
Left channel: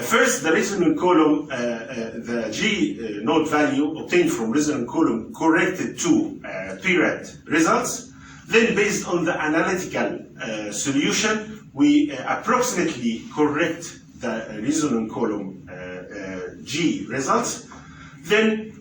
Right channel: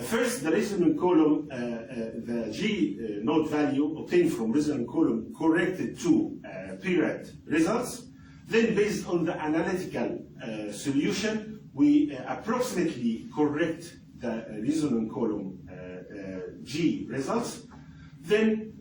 first the resonant column, the G naught value obtained from resonant column corrected to PRAD results. Then, based on the analytical solution, we approximately correct the resonant column G results. Then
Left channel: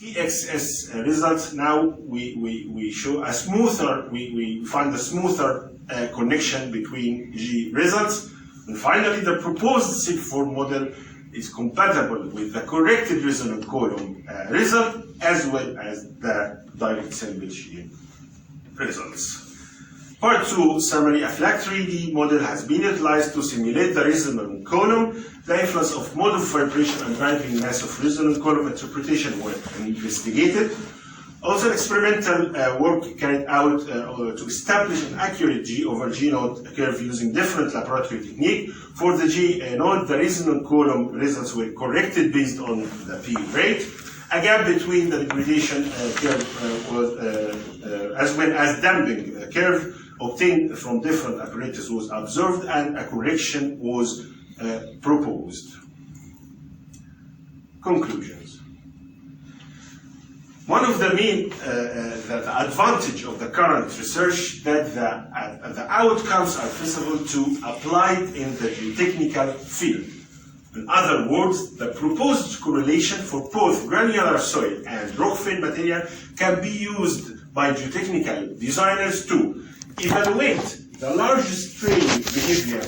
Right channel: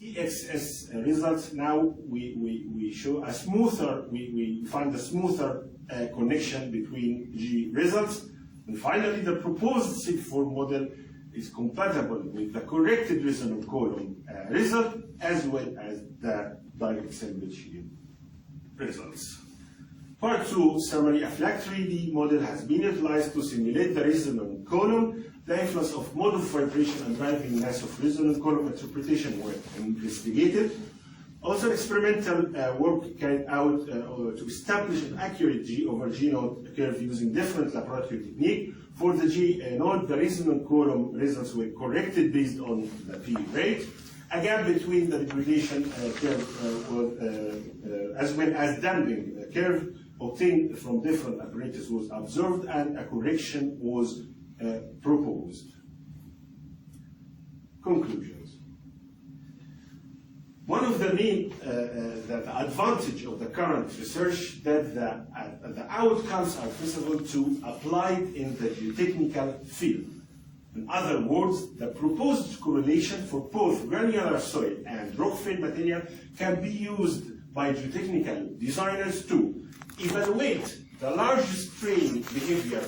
TXS results. Now we show a smoother, we find a smoother connection between G results. And finally, the proposed SIG4 model is compatible with the corrected resonant column result, as well as the direct assembled shear results. Part 2 summary. A flat 3D model has been utilized to simulate the resonant column. The influence of mode of vibration and driving mass of resonant column interpretation were investigated. Also, experimental work carried out to establish an accurate G over G naught curve using different laboratory technique. For the G naught, the resonant column results were corrected based on the P rate. A gap between the degradation curve was, as well as damping curve obtained from different apparatus was observed, and a correction was proposed. conclusions. One of the main the advantage of the current research that the outcomes are feasible to applied in the geotechnical field. In other words, the proposed correlation for both granular soil and rock-filled material can be used by geotechnical designers to evaluate the large strain behavior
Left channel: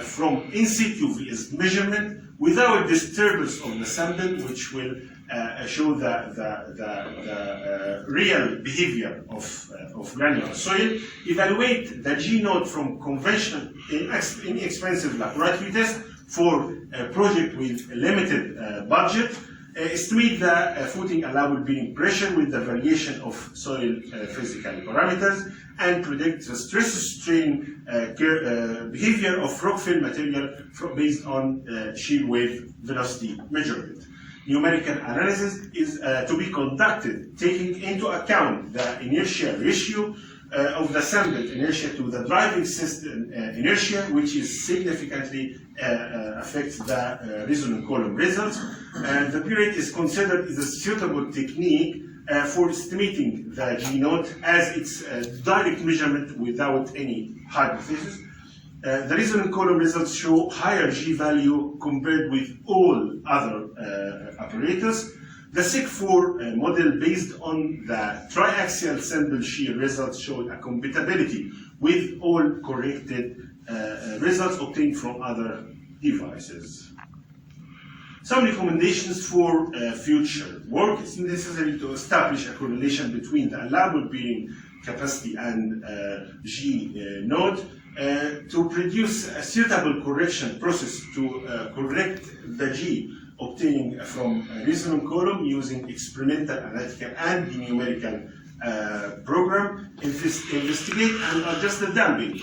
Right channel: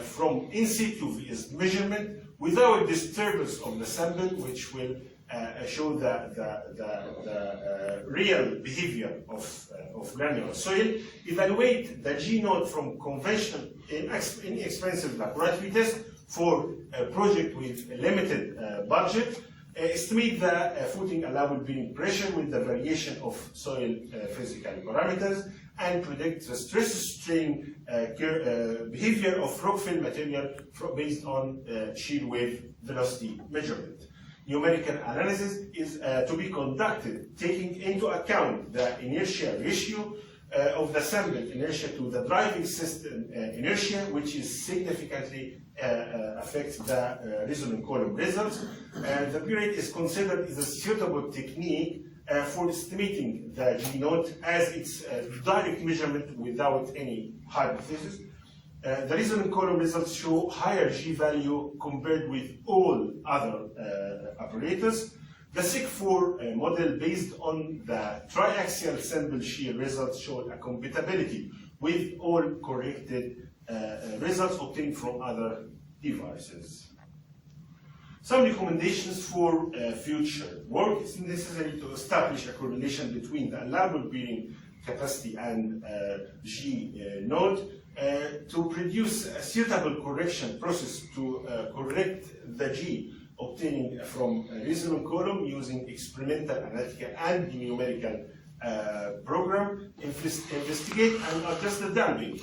from in situ measurement without disturbance of the sample, which will show the real behavior of granular soil, evaluate the G node from conventional inexpensive laboratory test for a project with a limited budget, estimate the footing allowable bearing pressure with the variation of soil physical parameters, and predict the stress strain behavior of rock-filled material based on shear wave velocity measurement. Numerical analysis is to be conducted taking into account the inertia ratio of the sampled inertia to the driving system inertia, which is significantly affects the resonant column results. And the period is considered as a suitable technique for estimating the G node as its direct measurement without any hypothesis. The resonant column results show higher G value compared with all other apparatus. The SIG4 model based on the triaxial sample shear results showed a compatibility with all corrected results obtained from other devices. Some recommendations for future work. It's necessary to establish a correlation between the allowable bearing capacity and G node to produce a suitable correction process to correct the G obtaining from a resonant column using experimental, analytical, and numerical program, investigate and adjust the damping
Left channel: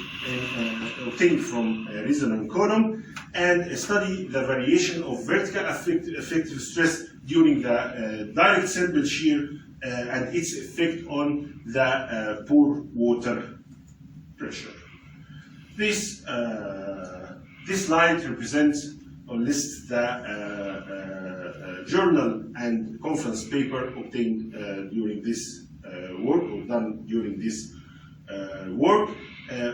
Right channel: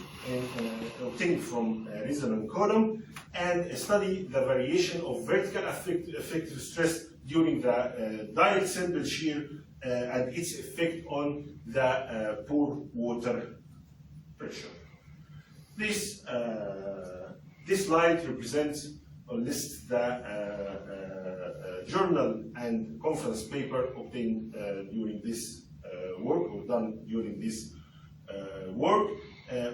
obtained from a resonant column, and study the variation of vertical effective stress during the direct sample shear and its effect on the pore water pressure. This slide represents or lists the journal and conference paper obtained during this work, or done during this work,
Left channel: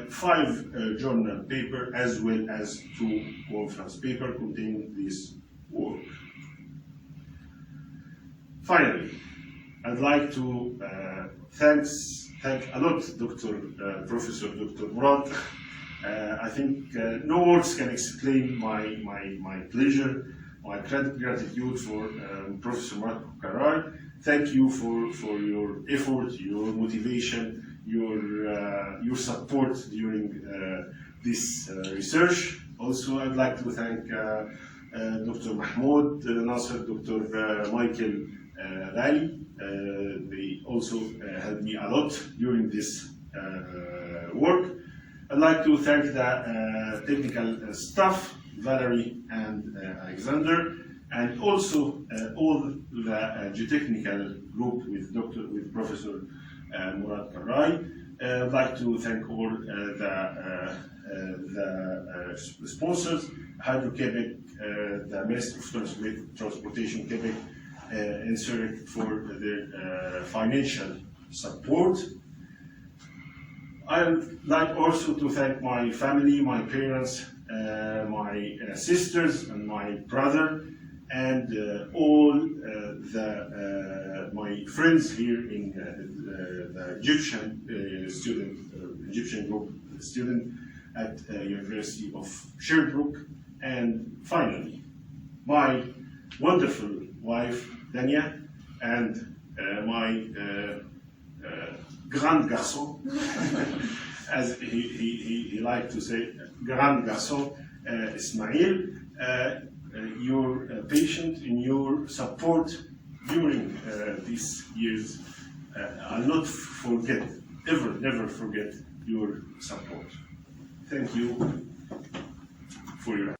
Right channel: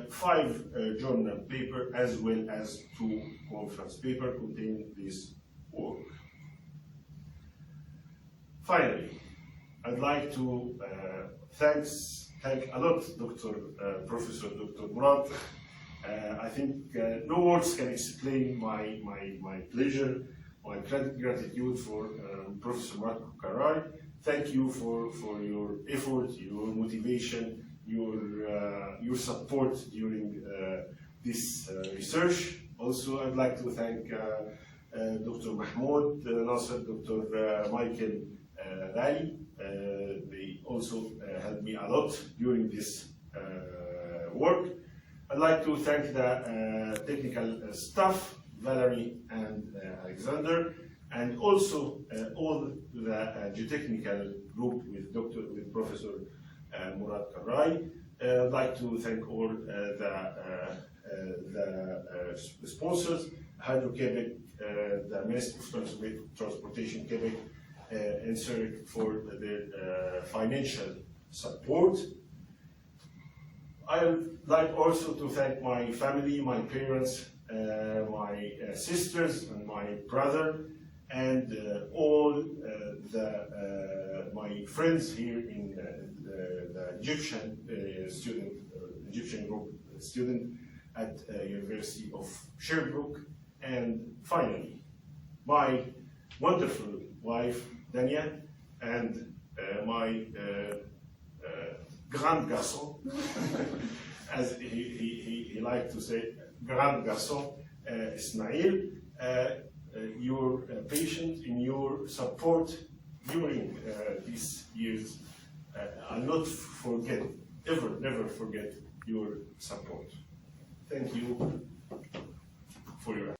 5 journal paper as well as 2 conference paper containing this work. Finally, I'd like to thank a lot Professor Dr. Murad. I think no words can explain my pleasure, my gratitude for Professor Marco Carrar. Thank you for your effort, your motivation, your support during this research. Also, I'd like to thank Dr. Mahmoud Nasser, Dr. Michael Ghali. They also helped me a lot during this work. I'd like to thank the technical staff, Valerie and Alexander, and also all the geotechnical group with Professor Murad Karrai. I'd like to thank all the sponsors, Hydro-Quebec, the Ministry of Transportation Quebec, and Zurich for their financial support. I would like also to thank my family, my parents, my sisters, and my brother, and all my friends here in the Egyptian group student at University of Sherbrooke, and finally, my wonderful wife Dania, and my grand garçon, as he liked to say, grand garçon Ismail. Your patience and your support during these years, I'll not forget, never forget your support. Thank you for your attention.